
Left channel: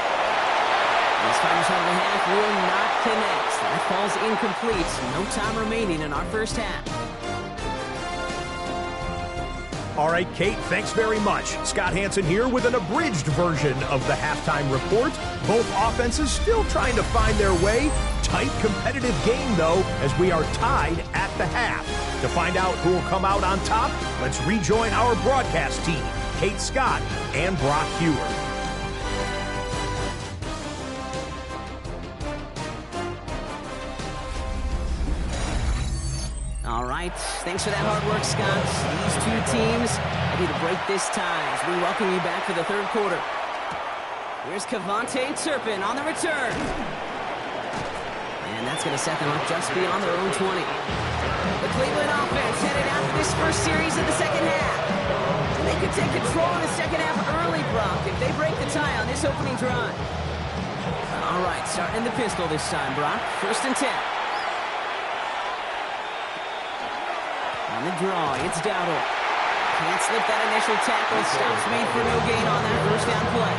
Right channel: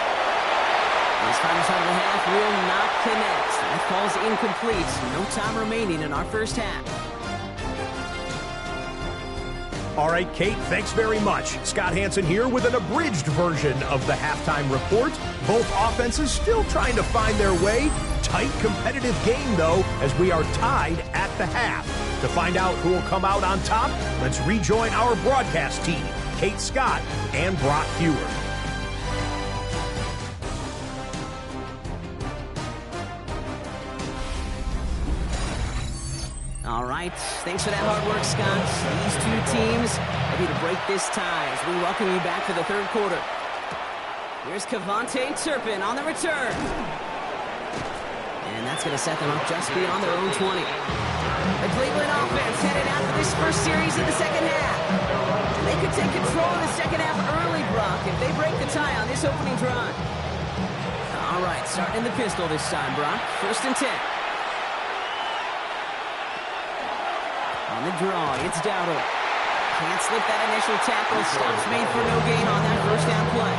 His final shot of the half will not connect. That falls incomplete. No time remaining in our first half. All right, Kate, thanks very much. Scott Hansen here with an abridged version of the halftime report. Both offenses still trying to find their way. Tight, competitive game, though, as we are tied at the half. To find out who will come out on top, let's rejoin our broadcast team, Kate Scott and Brock Hewer. All right, thanks for that hard work, Scott. These two teams ready to break this tie as we welcome you back for the third quarter. Here's Kevontae Turpin on the return. And that's going to set them up just beyond their own 20. The Cleveland offense headed out for this first series of the second half. And they could take control of the second half early, Brock, if they break the tie on this opening drive. All right, starting in the pistol this time, Brock. 1st and 10. On the draw, it's Dowdle. Can't slip that initial tackle. Stops made for no gain on that first down play.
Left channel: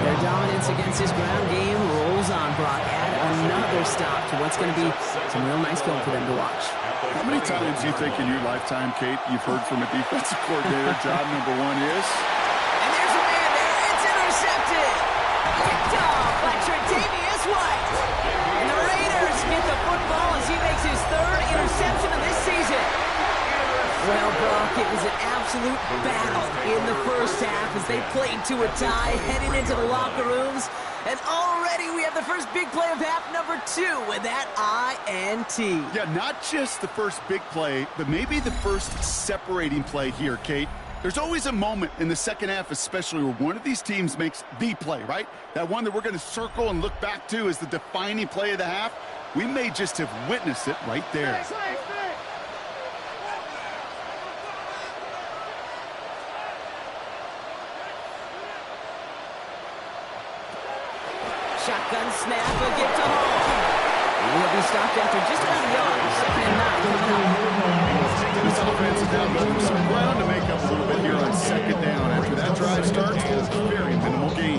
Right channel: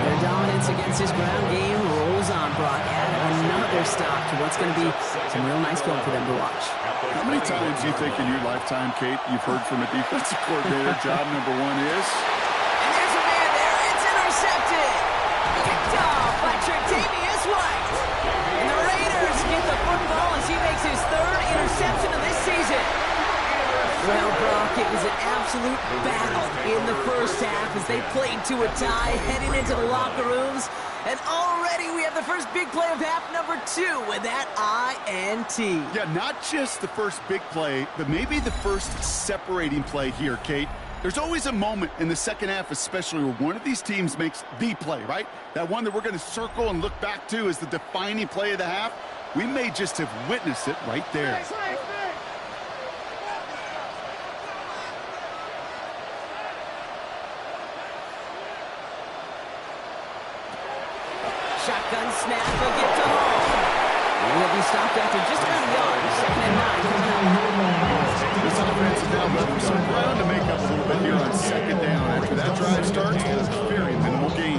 Their dominance against this ground game rolls on, Brock. Add another stop to what's going to be some real nice film for them to watch. How many times do you think in your lifetime, Kate, you've heard from a defensive coordinator, job number 1 is? And there's a man there. It's intercepted. Picked off by Tre'Davious White. And the Raiders get the football as he makes his 3rd interception of this season. Well, Brock, it was an absolute battle in the first half as they played to a tie, heading into the locker rooms. And already we have the first big play of half number 2 with that INT. Yeah, not just the first big play, but maybe the first separating play here, Kate. There's always a moment in the second half, especially where one of these teams makes the play, right? That one that we're going to circle and look back to as the defining play of the half. We may just have witnessed it right there. Shotgun snap, a give to Hall. And he'll be stopped after just about a yard. 2nd and 9 coming up. This offense is now left with some ground to make up a little bit here on 2nd down. After that drive starts, it's a very minimal gain.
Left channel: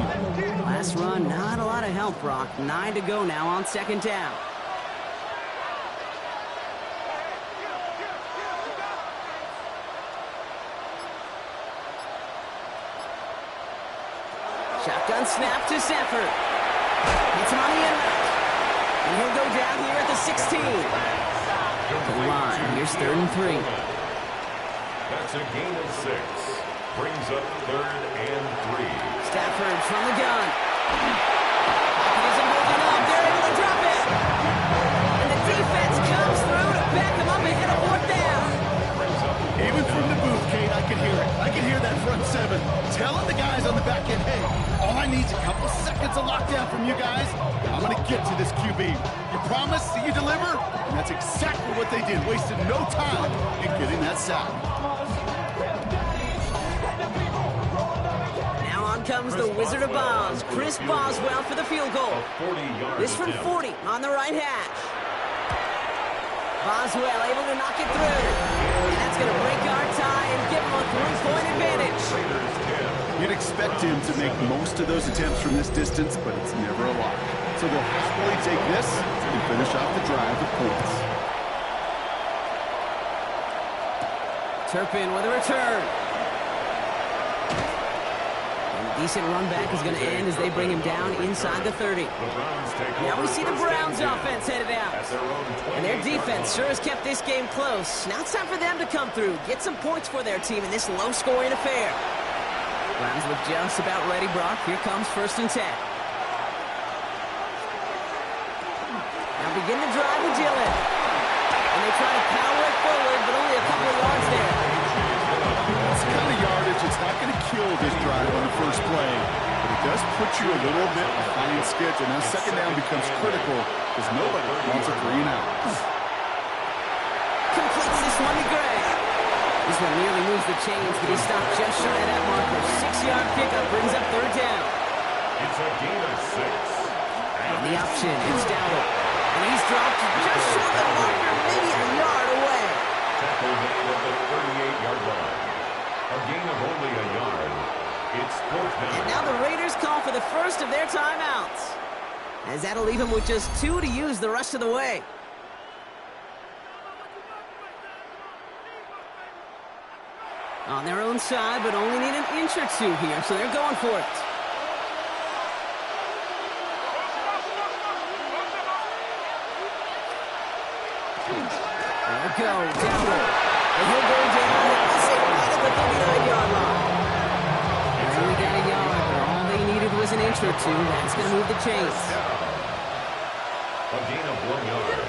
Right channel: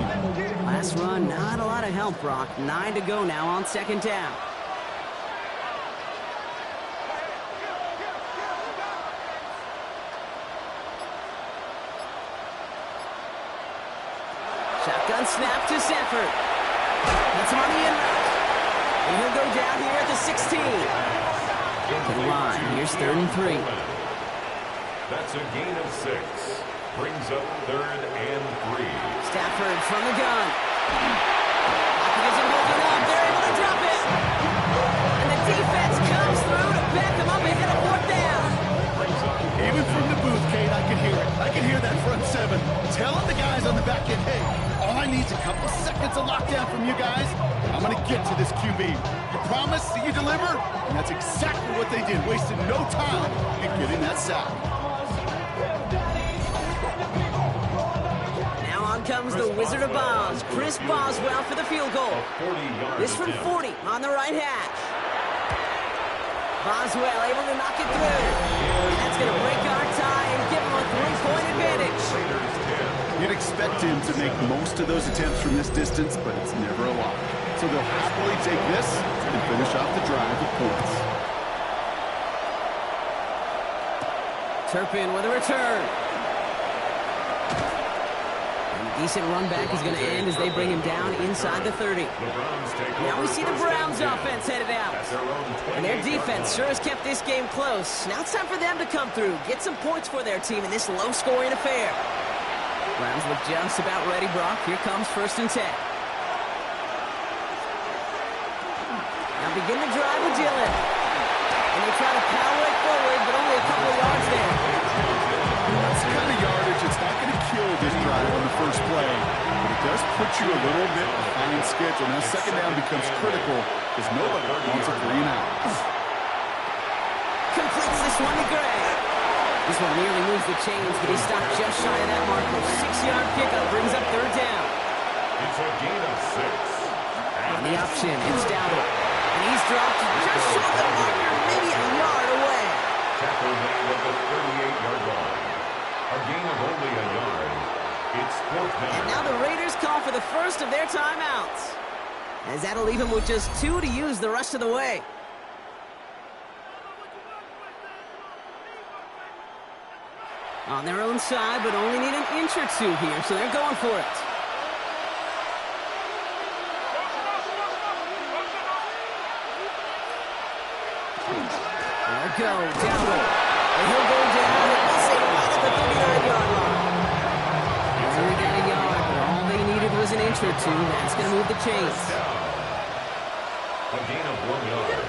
Last run, not a lot of help, Brock. 9 to go now on 2nd down. Shotgun snap to Stafford. Gets him on the in route. And he'll go down here at the 16. To the line. Here's 3rd and 3. That's a gain of 6. Brings up 3rd and 3. Stafford from the gun. Pocket isn't holding up. They're able to drop it. And the defense comes through to back him up ahead of 4th down. Even from the booth, Kate, I can hear it. I can hear that front 7 telling the guys on the back end, hey, all I need is a couple seconds of lockdown from you guys. I'm going to get to this QB. You promise that you deliver? And that's exactly what they did. Wasted no time in getting that sack. Now on comes the Wizard of Oz, Chris Boswell for the field goal. This from 40 on the right hash. Boswell able to knock it through. And that's going to break our tie and give him a 3-point advantage. You'd expect him to make most of those attempts from this distance, but it's never a lock. So they'll happily take this and finish off the drive with points. Turpin with a return. And a decent run back is going to end as they bring him down inside the 30. Now we see the Browns offense headed out. And their defense sure has kept this game close. Now it's time for them to come through, get some points for their team in this low-scoring affair. Browns look just about ready, Brock. Here comes 1st and 10. Now begin the drive with Dillon. And they try to power it forward, but only a couple of yards there. That's the kind of yardage it's not going to kill this drive on the first play, but it does put you a little bit behind schedule. Now 2nd down becomes critical because nobody wants a 3 and out. Completes this one to Gray. This one nearly moves the chains, but he stopped just shy of that marker. 6-yard pickup brings up 3rd down. It's a gain of 6. On the option, it's Dowdle. And he's dropped just short of the marker, maybe a yard away. Tackle made at the 38-yard line. A gain of only a yard. It's 4th down. And now the Raiders call for the first of their timeouts. As that'll leave him with just 2 to use the rest of the way. On their own side, but only need an inch or 2 here, so they're going for it. They'll go, Dowdle. And he'll go down, we'll say right at the 39-yard line. They only got a yard, but all they needed was an inch or 2. That's going to move the chains. A gain of 1 yard.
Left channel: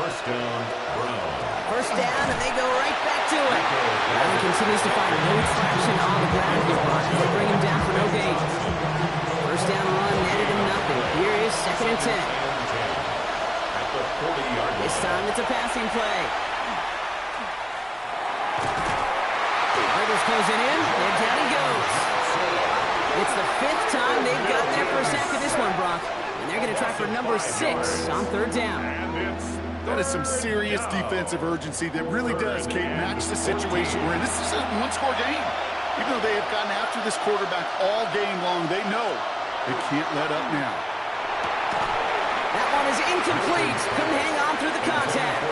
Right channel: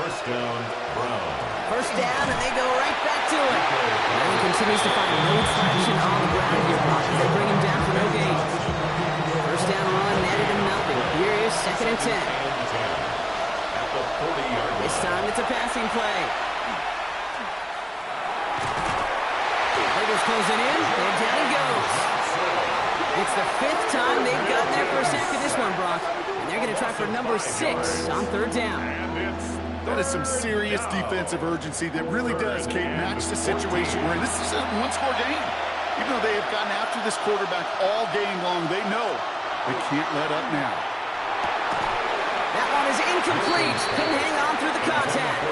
1st down, Brown. 1st down, and they go right back to it. And he continues to find no traction on the ground here, Brock, as they bring him down for no gain. 1st down run netted him nothing. Here is 2nd and 10. At the 40-yard line. This time it's a passing play. Raiders closing in, and down he goes. It's the 5th time they've gotten their first sack of this one, Brock. And they're going to try for number 6 on 3rd down. That is some serious defensive urgency that really does, Kate, match the situation we're in. This is a one-score game. Even though they have gotten after this quarterback all game long, they know they can't let up now. That one is incomplete. Couldn't hang on through the contact.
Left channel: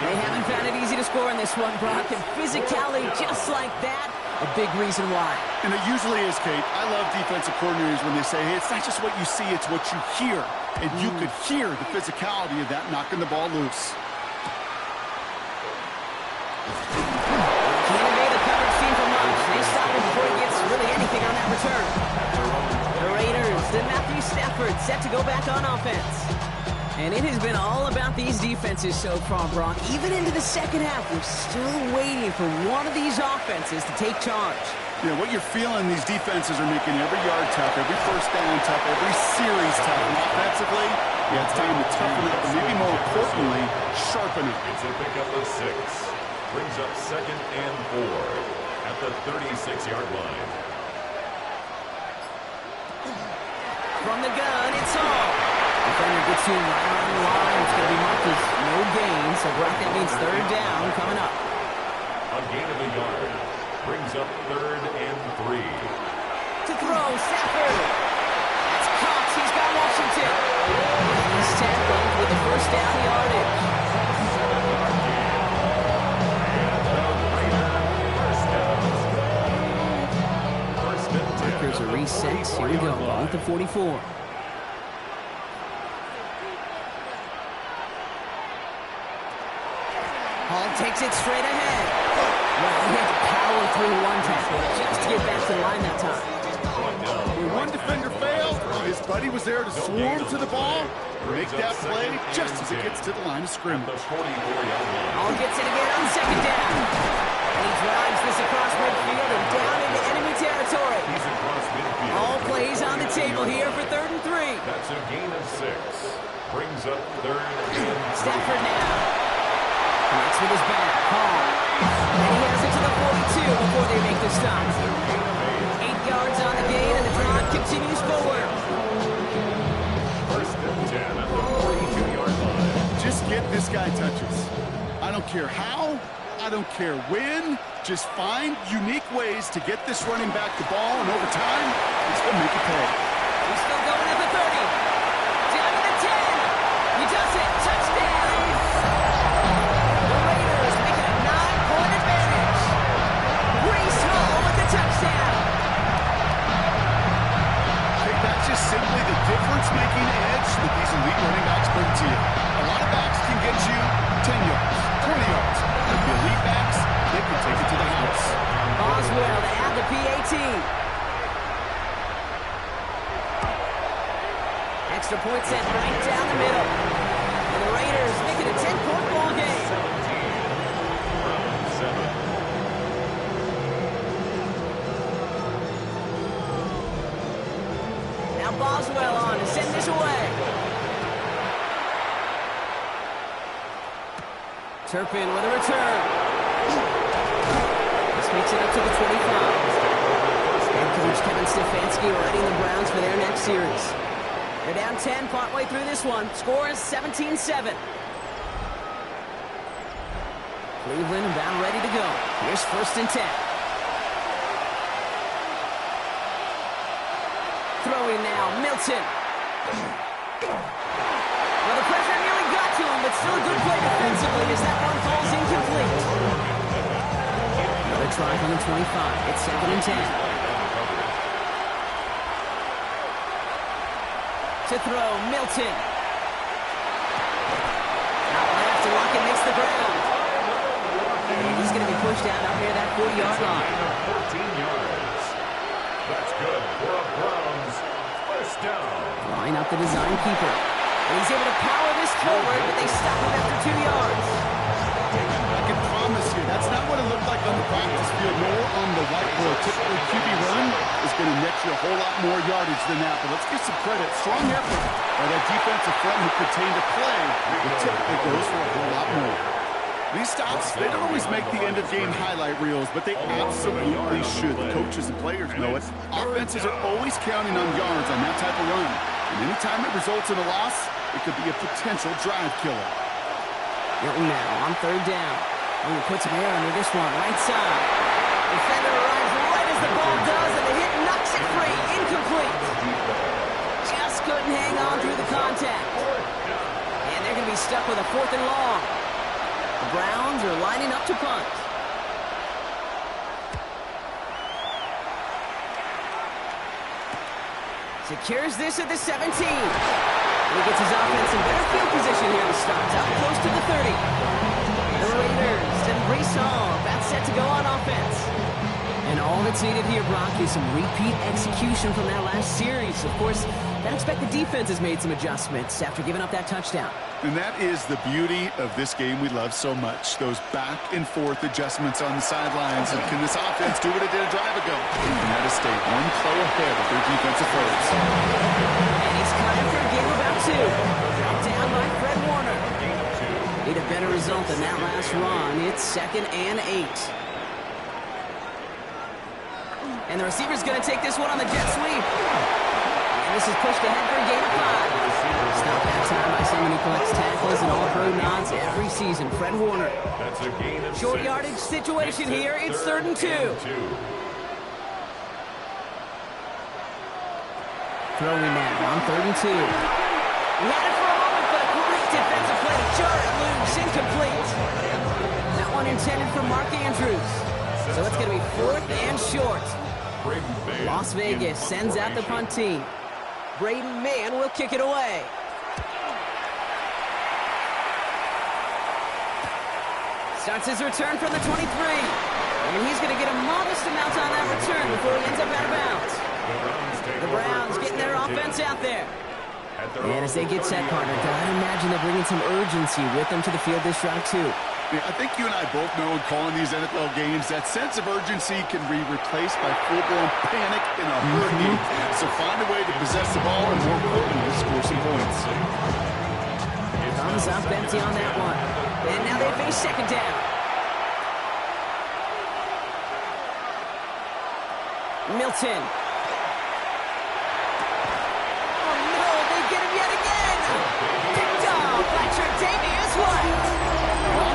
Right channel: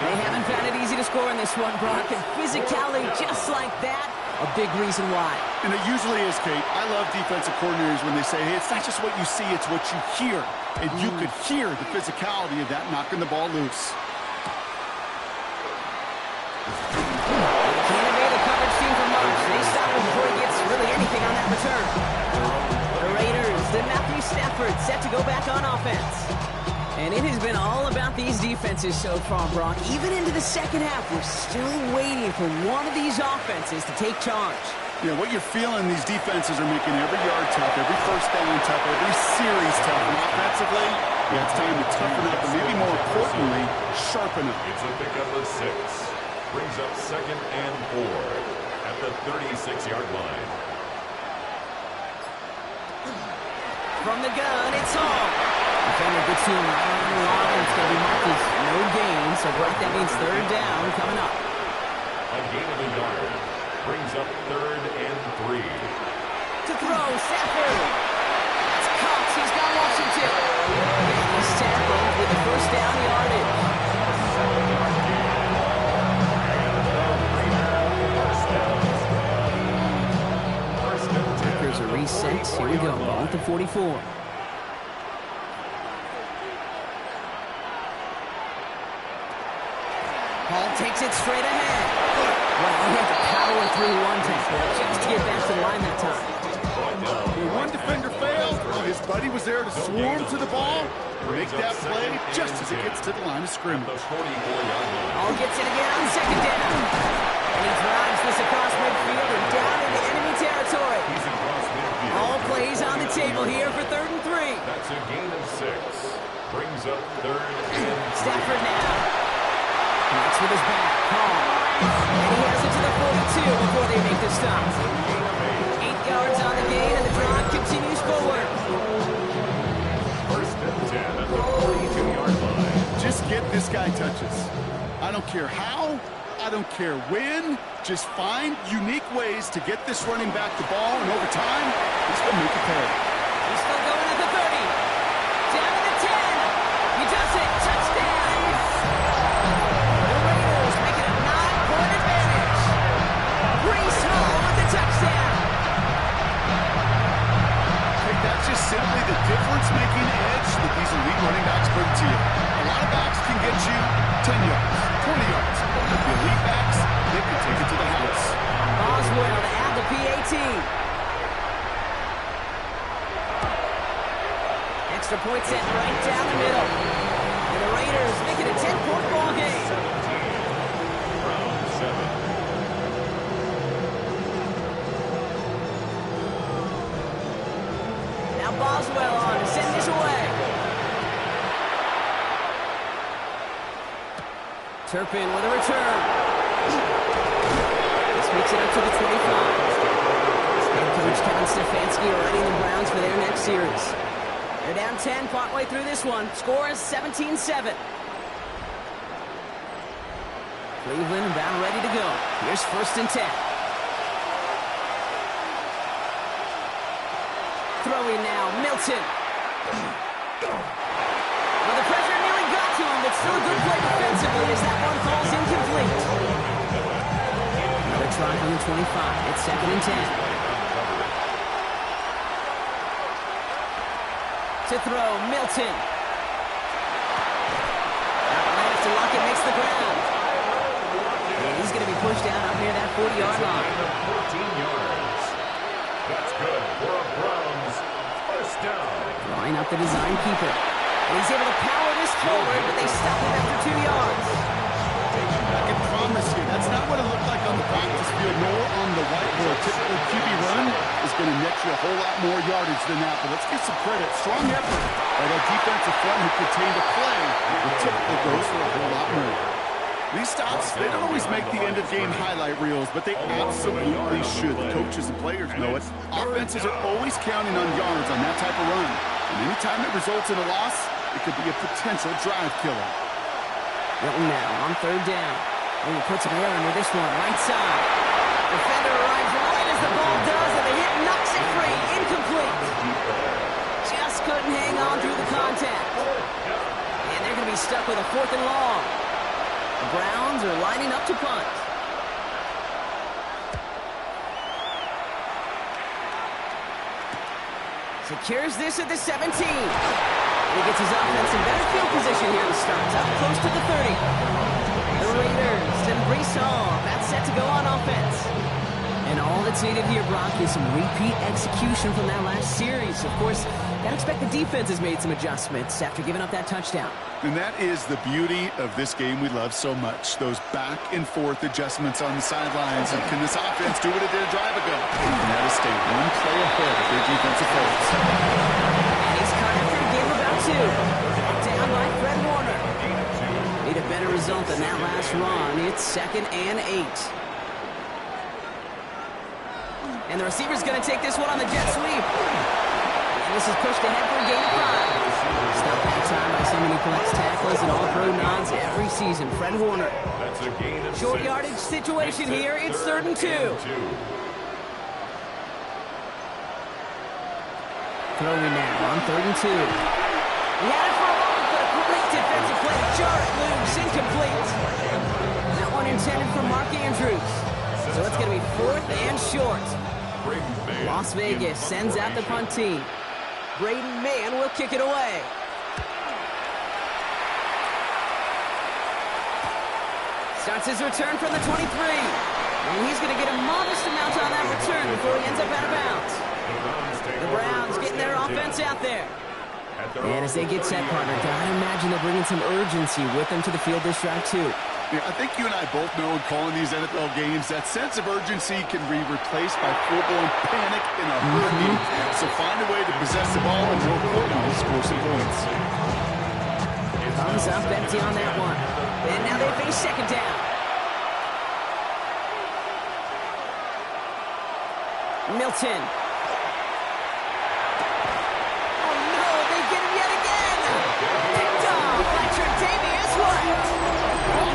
They haven't found it easy to score in this one, Brock. And physicality just like that, a big reason why. And it usually is, Kate. I love defensive coordinators when they say, hey, it's not just what you see, it's what you hear. And you could hear the physicality of that knocking the ball loose. Can't evade the coverage team for much. They stop him before he gets really anything on that return. The Raiders, then Matthew Stafford set to go back on offense. And it has been all about these defenses so far, Brock. Even into the second half, we're still waiting for one of these offenses to take charge. Yeah, what you're feeling, these defenses are making every yard tough, every first down tough, every series tough. And offensively, yeah, it's time to toughen up, and maybe more importantly, sharpen up. It's a pickup of 6. Brings up 2nd and 4 at the 36-yard line. From the gun, it's Hall. Defender gets to him right around the line. It's going to be marked as no gain, so Brock, that means 3rd down coming up. A gain of a yard. Brings up 3rd and 3. To throw, Stafford. That's Cox. He's got Washington. And he's tackled with the first down yardage. 7-yard gain. And the Raiders first down. First and 10. Markers are reset. Here we go. Ball at the 44. Hall takes it straight ahead. Well, he had to power through one tackle just to get back to the line that time. When one defender failed, his buddy was there to swarm to the ball, make that play just as it gets to the line of scrimmage. Hall gets it again on 2nd down. And he drives this across midfield and down into enemy territory. He's across midfield. All plays on the table here for 3rd and 3. That's a gain of 6. Brings up 3rd and 3. Stafford now. Connects with his back. Hall. And he has it to the 42 before they make the stop. 8 yards on the gain, and the drive continues forward. First and 10 at the 42-yard line. Just get this guy touches. I don't care how. I don't care when. Just find unique ways to get this running back the ball, and over time, he's going to make it pay. He's still going at the 30. Down to the 10. He does it. Touchdown. The Raiders make it a 9-point advantage. Breece Hall with the touchdown. Hey, that's just simply the difference-making edge that these elite running backs bring to you. A lot of backs can get you 10 yards, 20 yards. But the elite backs, they can take it to the house. Boswell to add the PAT. Extra point set right down the middle. And the Raiders make it a 10-point ball game. 17. Round 7. Now Boswell on to send this away. Turpin with a return. This makes it up to the 25. Head coach Kevin Stefanski readying the Browns for their next series. They're down 10 partway through this one. Score is 17-7. Cleveland about ready to go. Here's 1st and 10. Throwing now, Milton. Well, the pressure nearly got to him, but still a good play defensively as that one falls incomplete. Another try on the 25. It's 2nd and 10. To throw, Milton. Out last, and Lockett makes the ground. And he's going to be pushed down up near that 40-yard line. 14 yards. That's good for a Browns first down. Drawing up the design keeper. And he's able to power this forward, but they stop him after 2 yards. I can promise you, that's not what it looked like on the practice field, nor on the whiteboard. Typically, QB run is going to net you a whole lot more yardage than that. But let's give some credit. Strong effort by that defensive front who contained a play that typically goes for a whole lot more. These stops, they don't always make the end-of-game highlight reels, but they absolutely should. The coaches and players know it. Offenses are always counting on yards on that type of run. And anytime it results in a loss, it could be a potential drive killer. Milton now on third down. Oh, he puts some air under this one, right side. Defender arrives right as the ball does, and the hit knocks it free. Incomplete. Just couldn't hang on through the contact. And they're going to be stuck with a 4th and long. The Browns are lining up to punt. Secures this at the 17. He gets his offense in better field position here to start. Up close to the 30. The Raiders and Brees Hall about set to go on offense. And all that's needed here, Brock, is some repeat execution from that last series. Of course, gotta expect the defense has made some adjustments after giving up that touchdown. And that is the beauty of this game we love so much. Those back and forth adjustments on the sidelines. And can this offense do what it did a drive ago? And that is stay one play ahead of their defensive foes. And he's caught after a game of about 2. Down by Fred Warner. Need a better result than that last run. It's 2nd and 8. And the receiver's going to take this one on the jet sweep. And this is pushed ahead for a gain of 5. Stop that time by someone who collects tackles and all-pro nods every season. Fred Warner. That's a gain of 6. Short yardage situation here. It's 3rd and 2. Throwing now on 3rd and 2. He had it for a moment, but a great defensive play to jar it loose. Incomplete. That one intended for Mark Andrews. So it's going to be 4th and short. Las Vegas sends out the punt team. Braden Mann will kick it away. Starts his return from the 23. And he's going to get a modest amount on that return before he ends up out of bounds. The Browns getting their offense out there. And as they get set, partner, I imagine they're bringing some urgency with them to the field this drive, too. Yeah, I think you and I both know in calling these NFL games that sense of urgency can be replaced by full-blown panic in a hurry. So find a way to possess the ball and, more importantly, score some points. Thumbs up empty on that one. And now they face 2nd down. Milton. Oh, no, they get him yet again. Picked off by Tre'Davious White.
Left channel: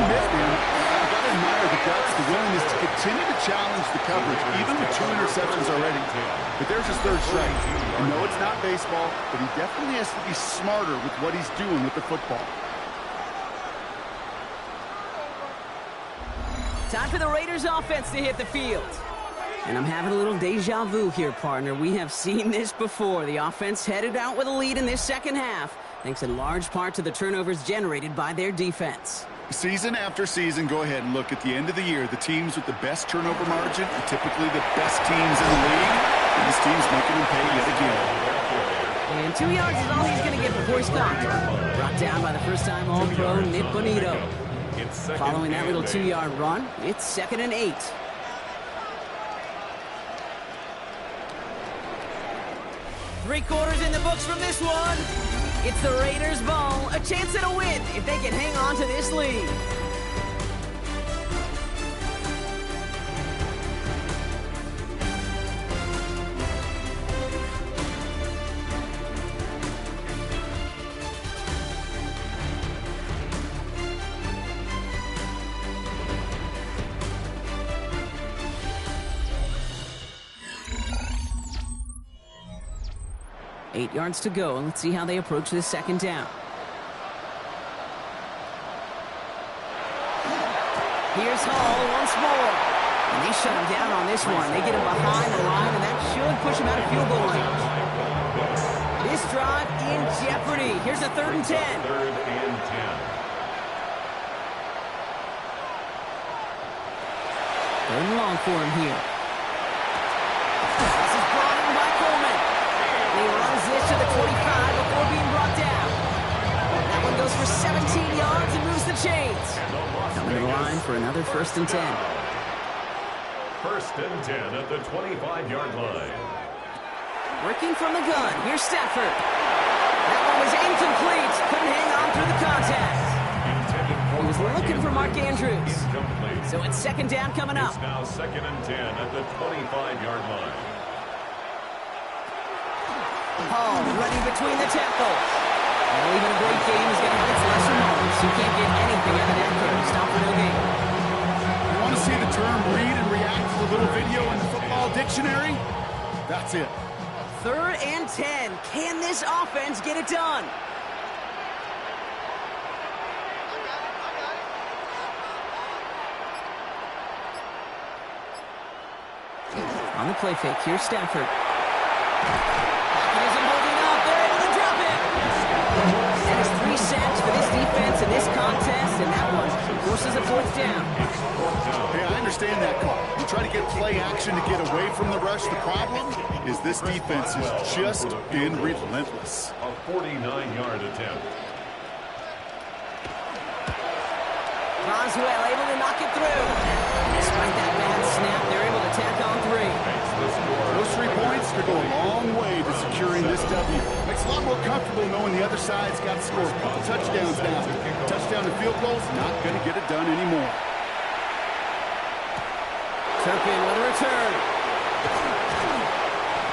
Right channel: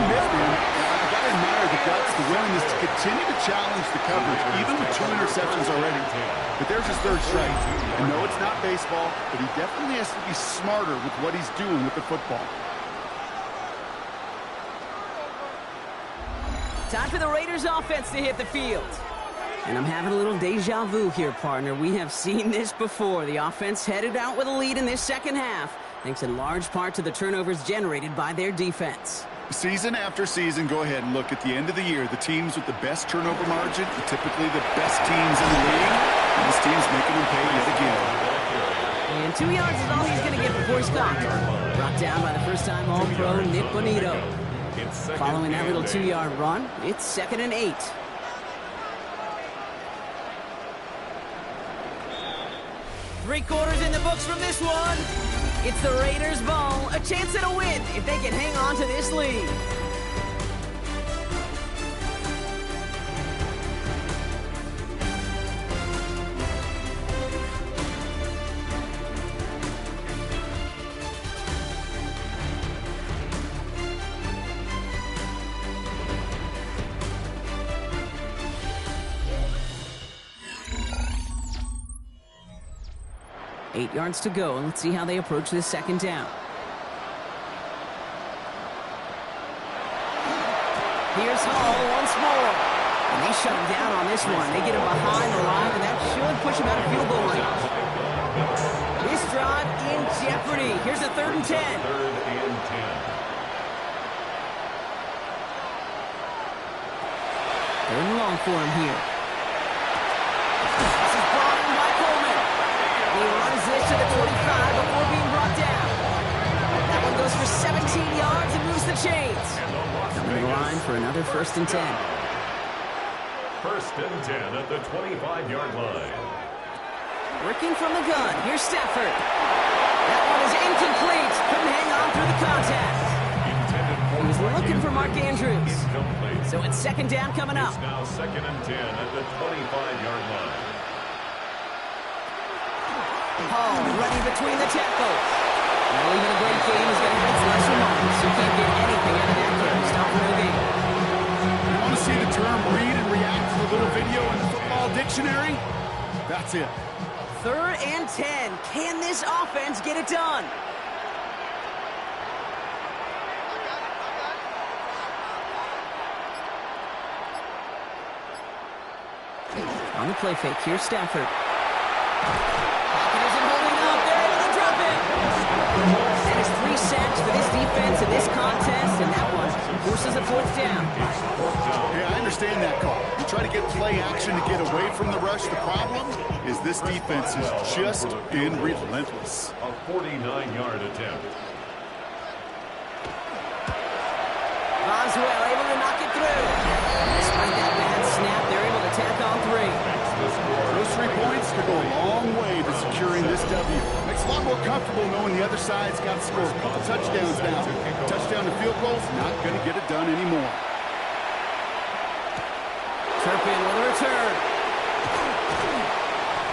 I've got to admire the guts, the willingness to continue to challenge the coverage, even with 2 interceptions already. But there's his 3rd strike. I know it's not baseball, but he definitely has to be smarter with what he's doing with the football. Time for the Raiders offense to hit the field. And I'm having a little deja vu here, partner. We have seen this before. The offense headed out with a lead in this 2nd half, thanks in large part to the turnovers generated by their defense. Season after season, go ahead and look at the end of the year. The teams with the best turnover margin are typically the best teams in the league. And this team's making them pay yet again. And 2 yards is all he's going to get before he's caught. Brought down by the first-time All-Pro Nick Bonito. Following that little 2-yard run, it's 2nd and 8. Three-quarters in the books from this one. It's the Raiders' ball, a chance at a win if they can hang on to this lead. Eight yards to go, and let's see how they approach this 2nd down. Here's Hall once more. And they shut him down on this one. They get him behind the line, and that should push him out of field goal range. This drive in jeopardy. Here's a 3rd and 10. 3rd and 10. Third and long for him here. This is brought in by Coleman. He runs this to the 25 before being brought down. That one goes for 17 yards and moves the chains. Coming to the line for another 1st and 10. 1st and 10 at the 25-yard line. Working from the gun. Here's Stafford. That one is incomplete. Couldn't hang on through the contact. He was looking for Mark Andrews. Incomplete. So it's second down coming up. It's now 2nd and 10 at the 25-yard line. Hall running between the tackles. Well, even a great game is going to have its lesser moments. You can't get anything out of that carry. Stop for no gain. You want to see the term read and react to the little video in the football dictionary? That's it. 3rd and 10. Can this offense get it done? On the play fake, here's Stafford. Pocket isn't holding up. They're able to drop it. That is 3 sacks for this defense in this contest, and that one forces a 4th down. Hey, I understand that call. You try to get play action to get away from the rush. The problem is this defense has just been relentless. A 49-yard attempt. Boswell able to knock it through. Despite that bad snap, they're able to tack on 3. Those 3 points could go a long way to securing this W. Makes it a lot more comfortable knowing the other side's got to score a couple touchdowns now. Touchdown to field goals, not going to get it done anymore. Turpin with a return.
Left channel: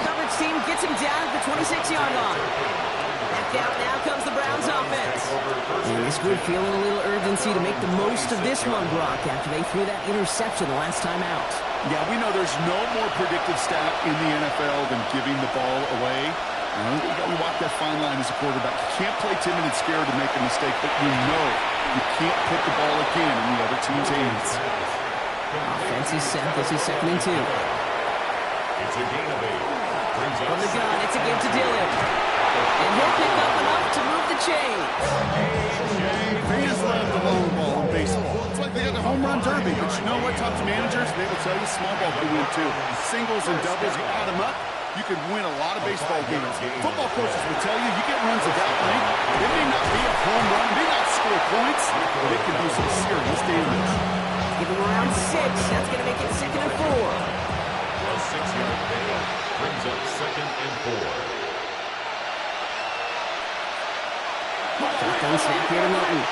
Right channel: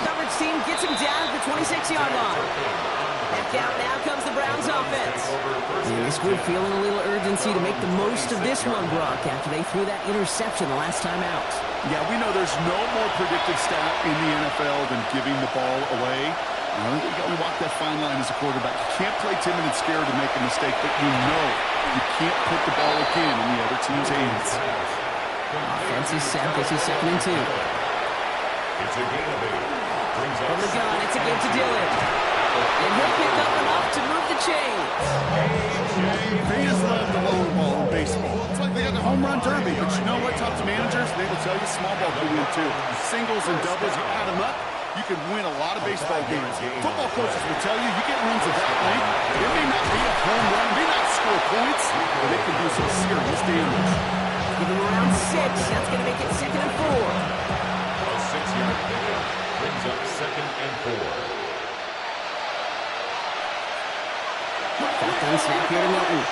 Coverage team gets him down at the 26-yard line. Back out now comes the Browns offense. And this group feeling a little urgency to make the most of this one, Brock, after they threw that interception the last time out. Yeah, we know there's no more predictive stat in the NFL than giving the ball away. We walk that fine line as a quarterback. You can't play timid and scared to make a mistake, but you know you can't put the ball again in the other team's hands. Offense is set. This is 2nd and 2. It's a gain of 8. From the gun, it's a give to Dillon. And he'll pick up enough to move the chains. Fans love the long ball in baseball. It's like they got the home run derby. But you know what? Talk to managers, they will tell you small ball can win too. Singles and doubles, you add them up, you can win a lot of baseball games. Football coaches will tell you, you get runs of that length, it may not be a home run, it may not score points, but it can do some serious damage. Give him around 6. That's going to make it 2nd and 4. A 6-yard pickup brings up 2nd and 4. Shotgun snap here to Milton.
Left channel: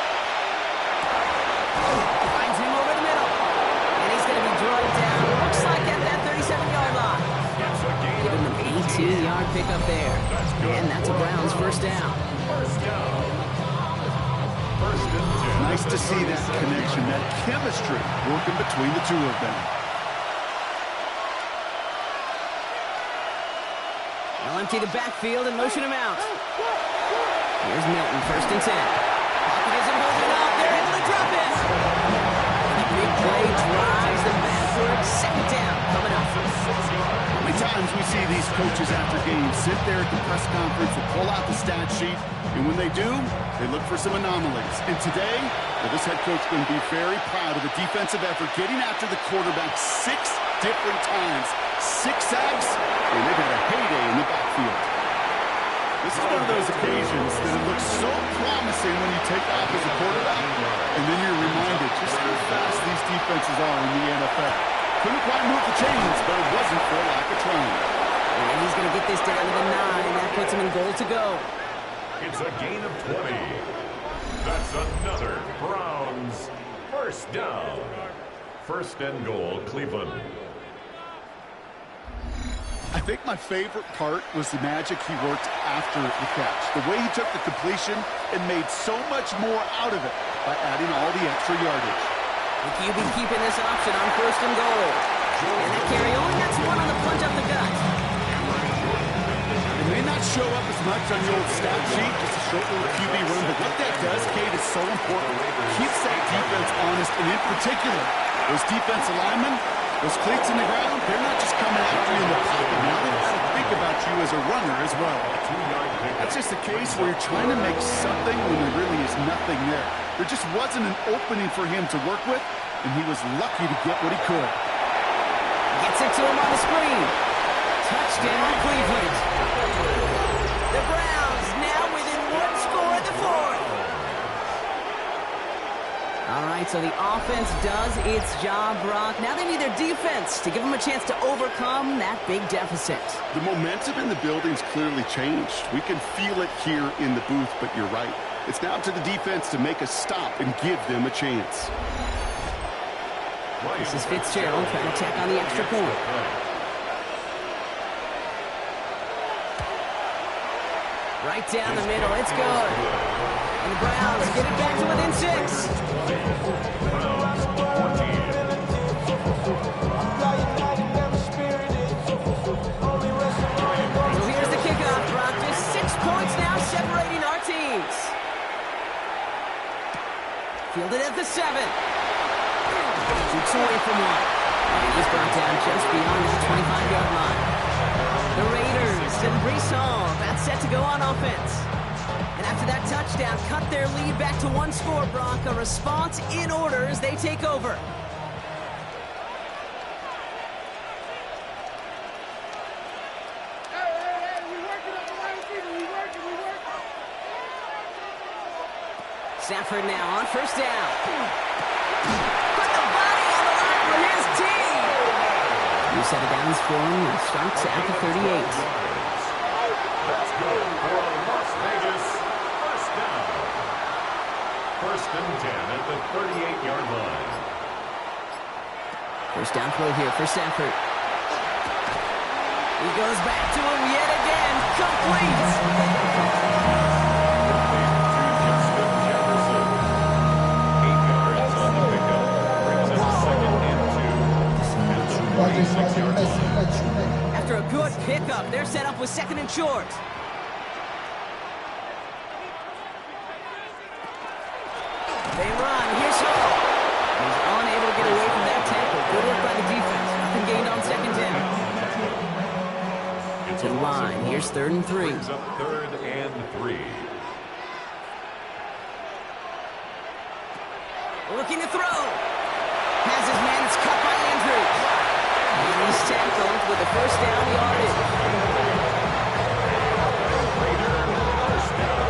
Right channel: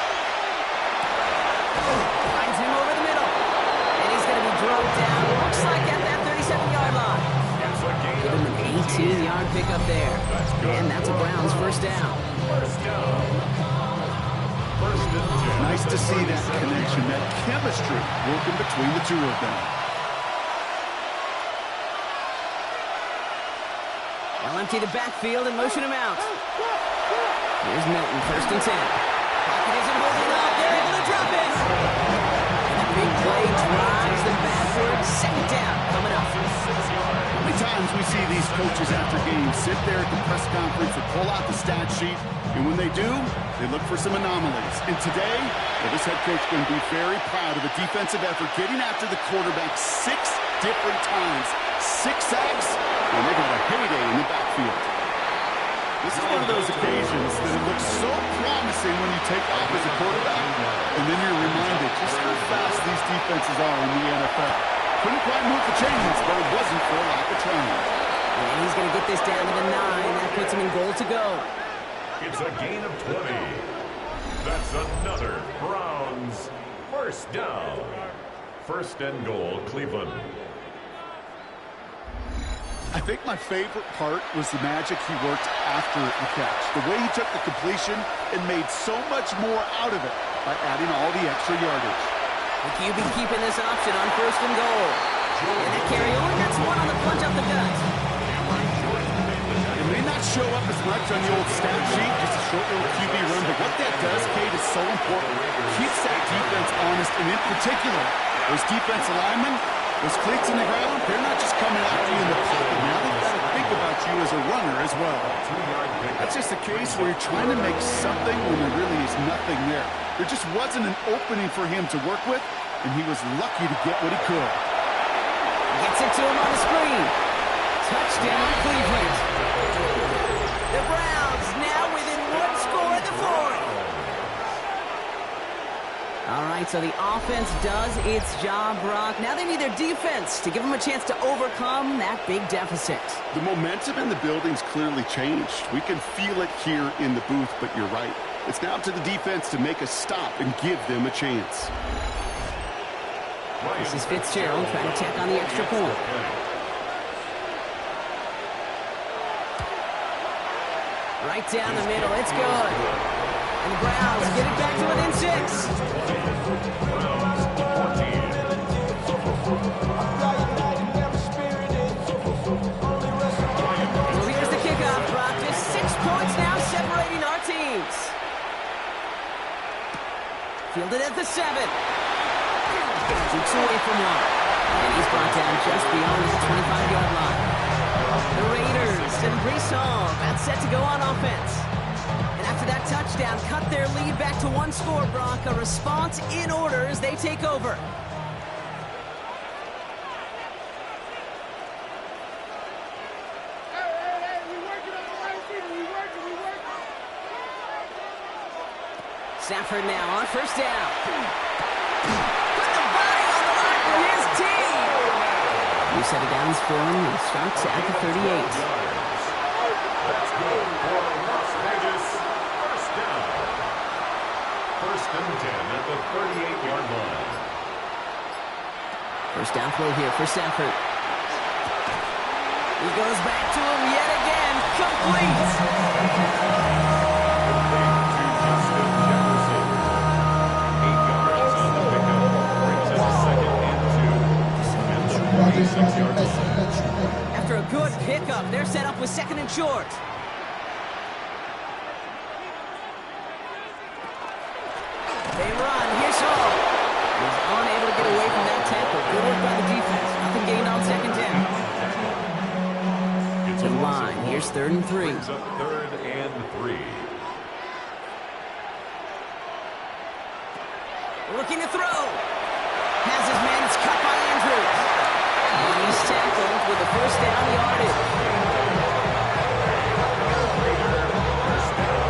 Finds him over the middle. And he's going to be drugged down. Looks like at that 37-yard line. Give him an 18-yard pickup there. And that's a Browns 1st down. First down. 1st and 10. Nice to see that connection, that chemistry working between the 2 of them. They'll empty the backfield and motion him out. Here's Milton, 1st and 10. Pocket isn't holding up. They're able to drop it. And a big play drives them backward. 2nd down coming up. How many times we see these coaches after games sit there at the press conference and pull out the stat sheet, and when they do, they look for some anomalies. And today, well, this head coach is going to be very proud of the defensive effort, getting after the quarterback 6 different times. 6 sacks, and they've had a heyday in the backfield. This is one of those occasions that it looks so promising when you take off as a quarterback, and then you're reminded just how fast these defenses are in the NFL. Couldn't quite move the chains, but it wasn't for lack of trying. And he's going to get this down to the 9. That puts him in goal to go. It's a gain of 20. That's another Browns 1st down. 1st and goal, Cleveland. I think my favorite part was the magic he worked after the catch. The way he took the completion and made so much more out of it by adding all the extra yardage. The QB keeping this option on 1st and goal. And that carry only gets 1 on the plunge up the gut. It may not show up as much on the old stat sheet, just a short little QB run, but what that does, Kate, is so important. Keeps that defense honest, and in particular, those defensive linemen, those cleats in the ground, they're not just coming after you in the pocket. Now they've got to think about you as a runner as well. That's just a case where you're trying to make something when there really is nothing there. There just wasn't an opening for him to work with, and he was lucky to get what he could. Gets it to him on the screen. Touchdown, Cleveland. The Browns now within 1 score in the 4th. All right, so the offense does its job, Brock. Now they need their defense to give them a chance to overcome that big deficit. The momentum in the building's clearly changed. We can feel it here in the booth, but you're right. It's now up to the defense to make a stop and give them a chance. This is Fitzgerald trying to tack on the extra point. Right down the middle, it's good. And the Browns get it back to within 6. Browns 14. So here's the kickoff, Brock. Just 6 points now separating our teams. Fielded at the 7. Shoots away from one. And he's brought down just beyond his 25-yard line. The Raiders and Brees Hall about set to go on offense. And after that touchdown, cut their lead back to 1 score, Brock. A response in order as they take over. Stafford now on first down. Put the body on the line for his team. New set of downs for him. He starts at the 38. That's good for Las Vegas. First down. First and 10 at the 38-yard line. First down throw here for Stafford. He goes back to him yet again. Complete. After a good pickup, they're set up with 2nd and short. They run. Here's Hall. He's unable to get away from that tackle. Good work by the defense. Nothing gained on 2nd down. To the line. Here's 3rd and 3. Brings up 3rd and 3. Looking to throw. Has his man. It's cut by Andrews. And he's tackled with a first down yardage. First down.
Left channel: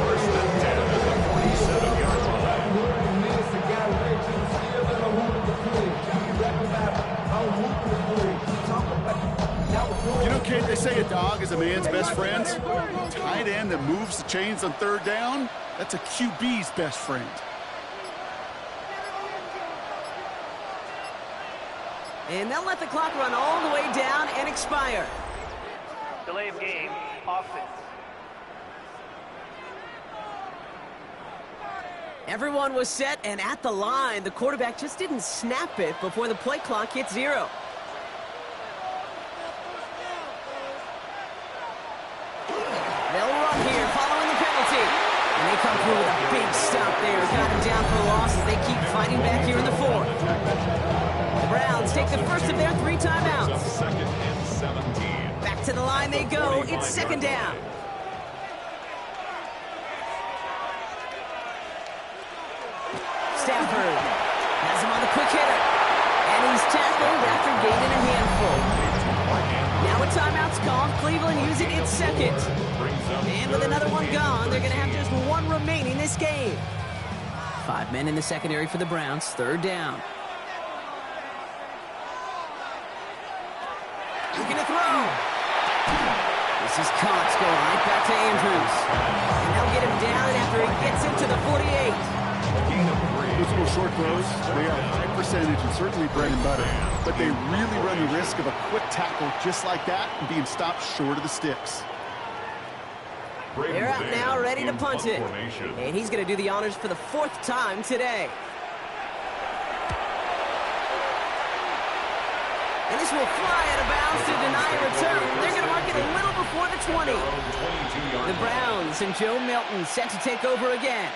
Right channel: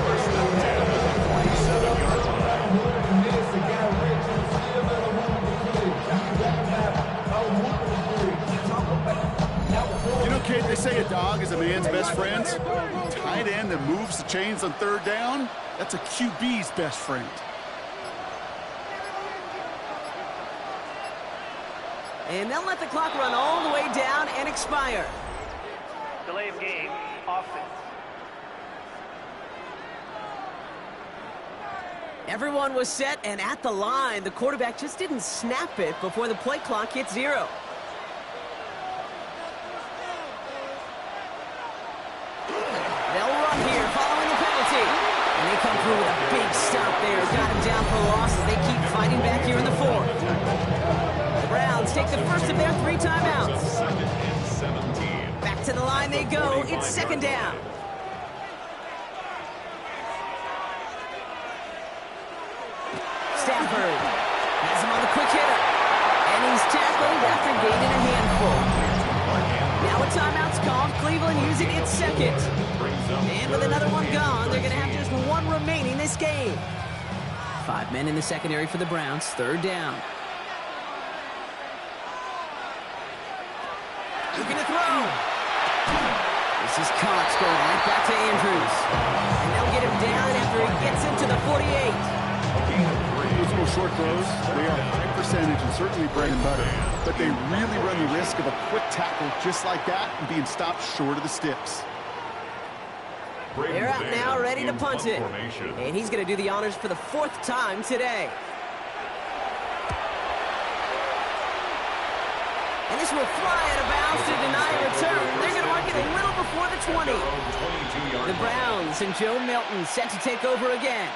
First and 10 at the 47-yard You know, Kate, they say a dog is a man's best friend. Tight end that moves the chains on 3rd down, that's a QB's best friend. And they'll let the clock run all the way down and expire. Delay of game, offense. Everyone was set and at the line. The quarterback just didn't snap it before the play clock hit 0. They'll run here following the penalty. And they come through with a big stop there. Got him down for a loss as they keep fighting back here in the 4th. The Browns take the first of their 3 timeouts. 2nd and 17. Back to the line they go. It's 2nd down. Stafford has him on the quick hitter. And he's tackled after gaining a handful. Now a timeout's called. Cleveland using its 2nd. And with another one gone, they're going to have just 1 remaining this game. 5 men in the secondary for the Browns. 3rd down. Looking to throw. This is Cox going right back to Andrews. And they'll get him down after he gets into the 48. Those little short throws, they are high percentage and certainly bread and butter. But they really run the risk of a quick tackle just like that and being stopped short of the sticks. They're out now, ready to punt it. And he's going to do the honors for the 4th time today. And this will fly out of bounds to deny a return. They're going to mark it a little before the 20. The Browns and Joe Milton set to take over again.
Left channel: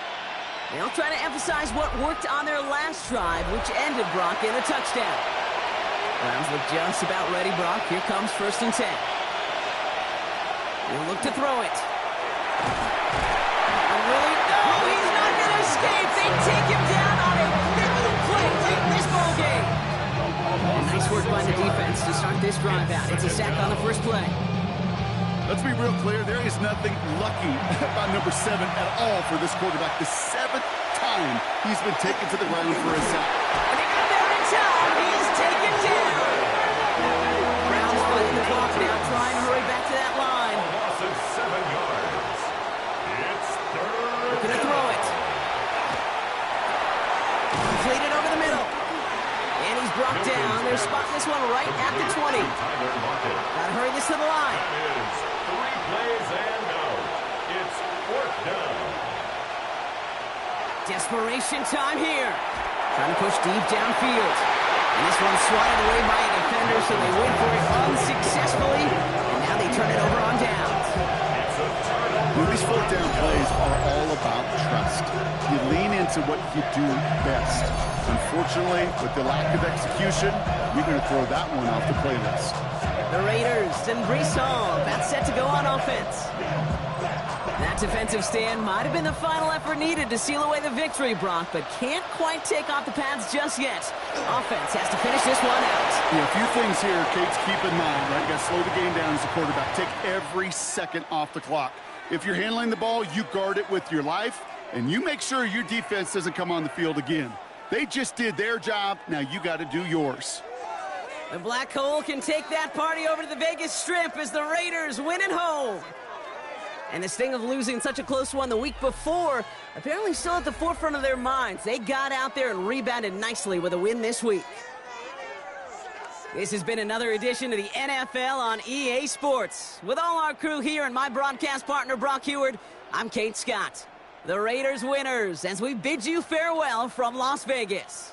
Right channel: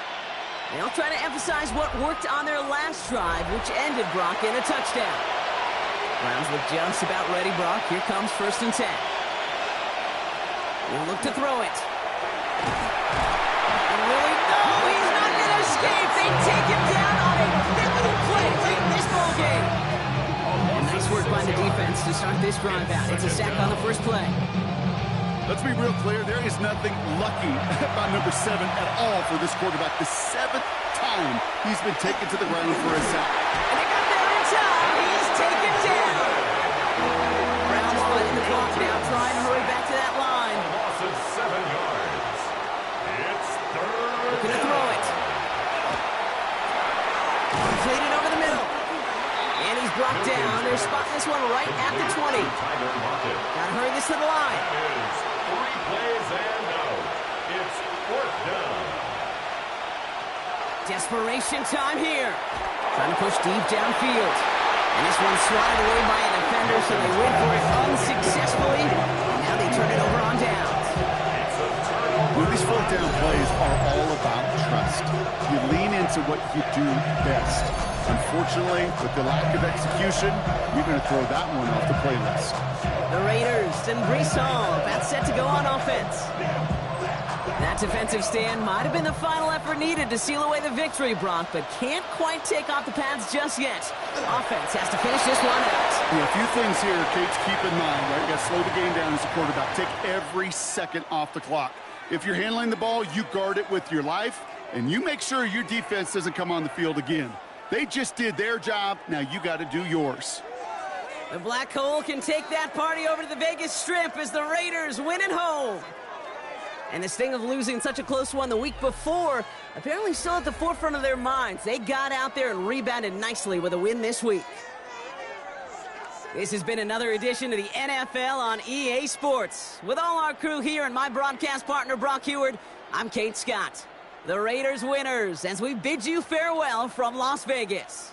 They'll try to emphasize what worked on their last drive, which ended, Brock, in a touchdown. Browns look just about ready, Brock. Here comes 1st and 10. He'll look to throw it. And Willie, no, he's not going to escape. They take him down on a pivotal play late in this ball game. And nice work by the defense to start this drive out. It's a sack on the first play. Let's be real clear. There is nothing lucky about number 7 at all for this quarterback. The 7th time he's been taken to the ground for a sack. And they got there in time. He's taken down. Browns fighting the clock now, trying to hurry back to that line. A loss of 7 yards. It's Completed over the middle. And he's brought down. They're spotting this one right at the 20. Gotta hurry this to the line. That is 3 plays and out. It's 4th down. Desperation time here. Trying to push deep downfield. And this one's swatted away by a defender, so they win for it unsuccessfully. And now they turn it over on downs. It's a turnover. Well, these 4th down plays are all about trust. You lean into what you do best. Unfortunately, with the lack of execution, you're going to throw that one off the playlist. The Raiders and Brisson about set to go on offense. That defensive stand might have been the final effort needed to seal away the victory, Brock, but can't quite take off the pads just yet. Offense has to finish this one out. Yeah, a few things here, Kate, to keep in mind, right? You got to slow the game down as a quarterback. Take every second off the clock. If you're handling the ball, you guard it with your life, and you make sure your defense doesn't come on the field again. They just did their job. Now you got to do yours. The Black Hole can take that party over to the Vegas Strip as the Raiders win at home. And the sting of losing such a close one the week before, apparently still at the forefront of their minds. They got out there and rebounded nicely with a win this week. This has been another edition of the NFL on EA Sports. With all our crew here and my broadcast partner, Brock Heward, I'm Kate Scott. The Raiders winners as we bid you farewell from Las Vegas.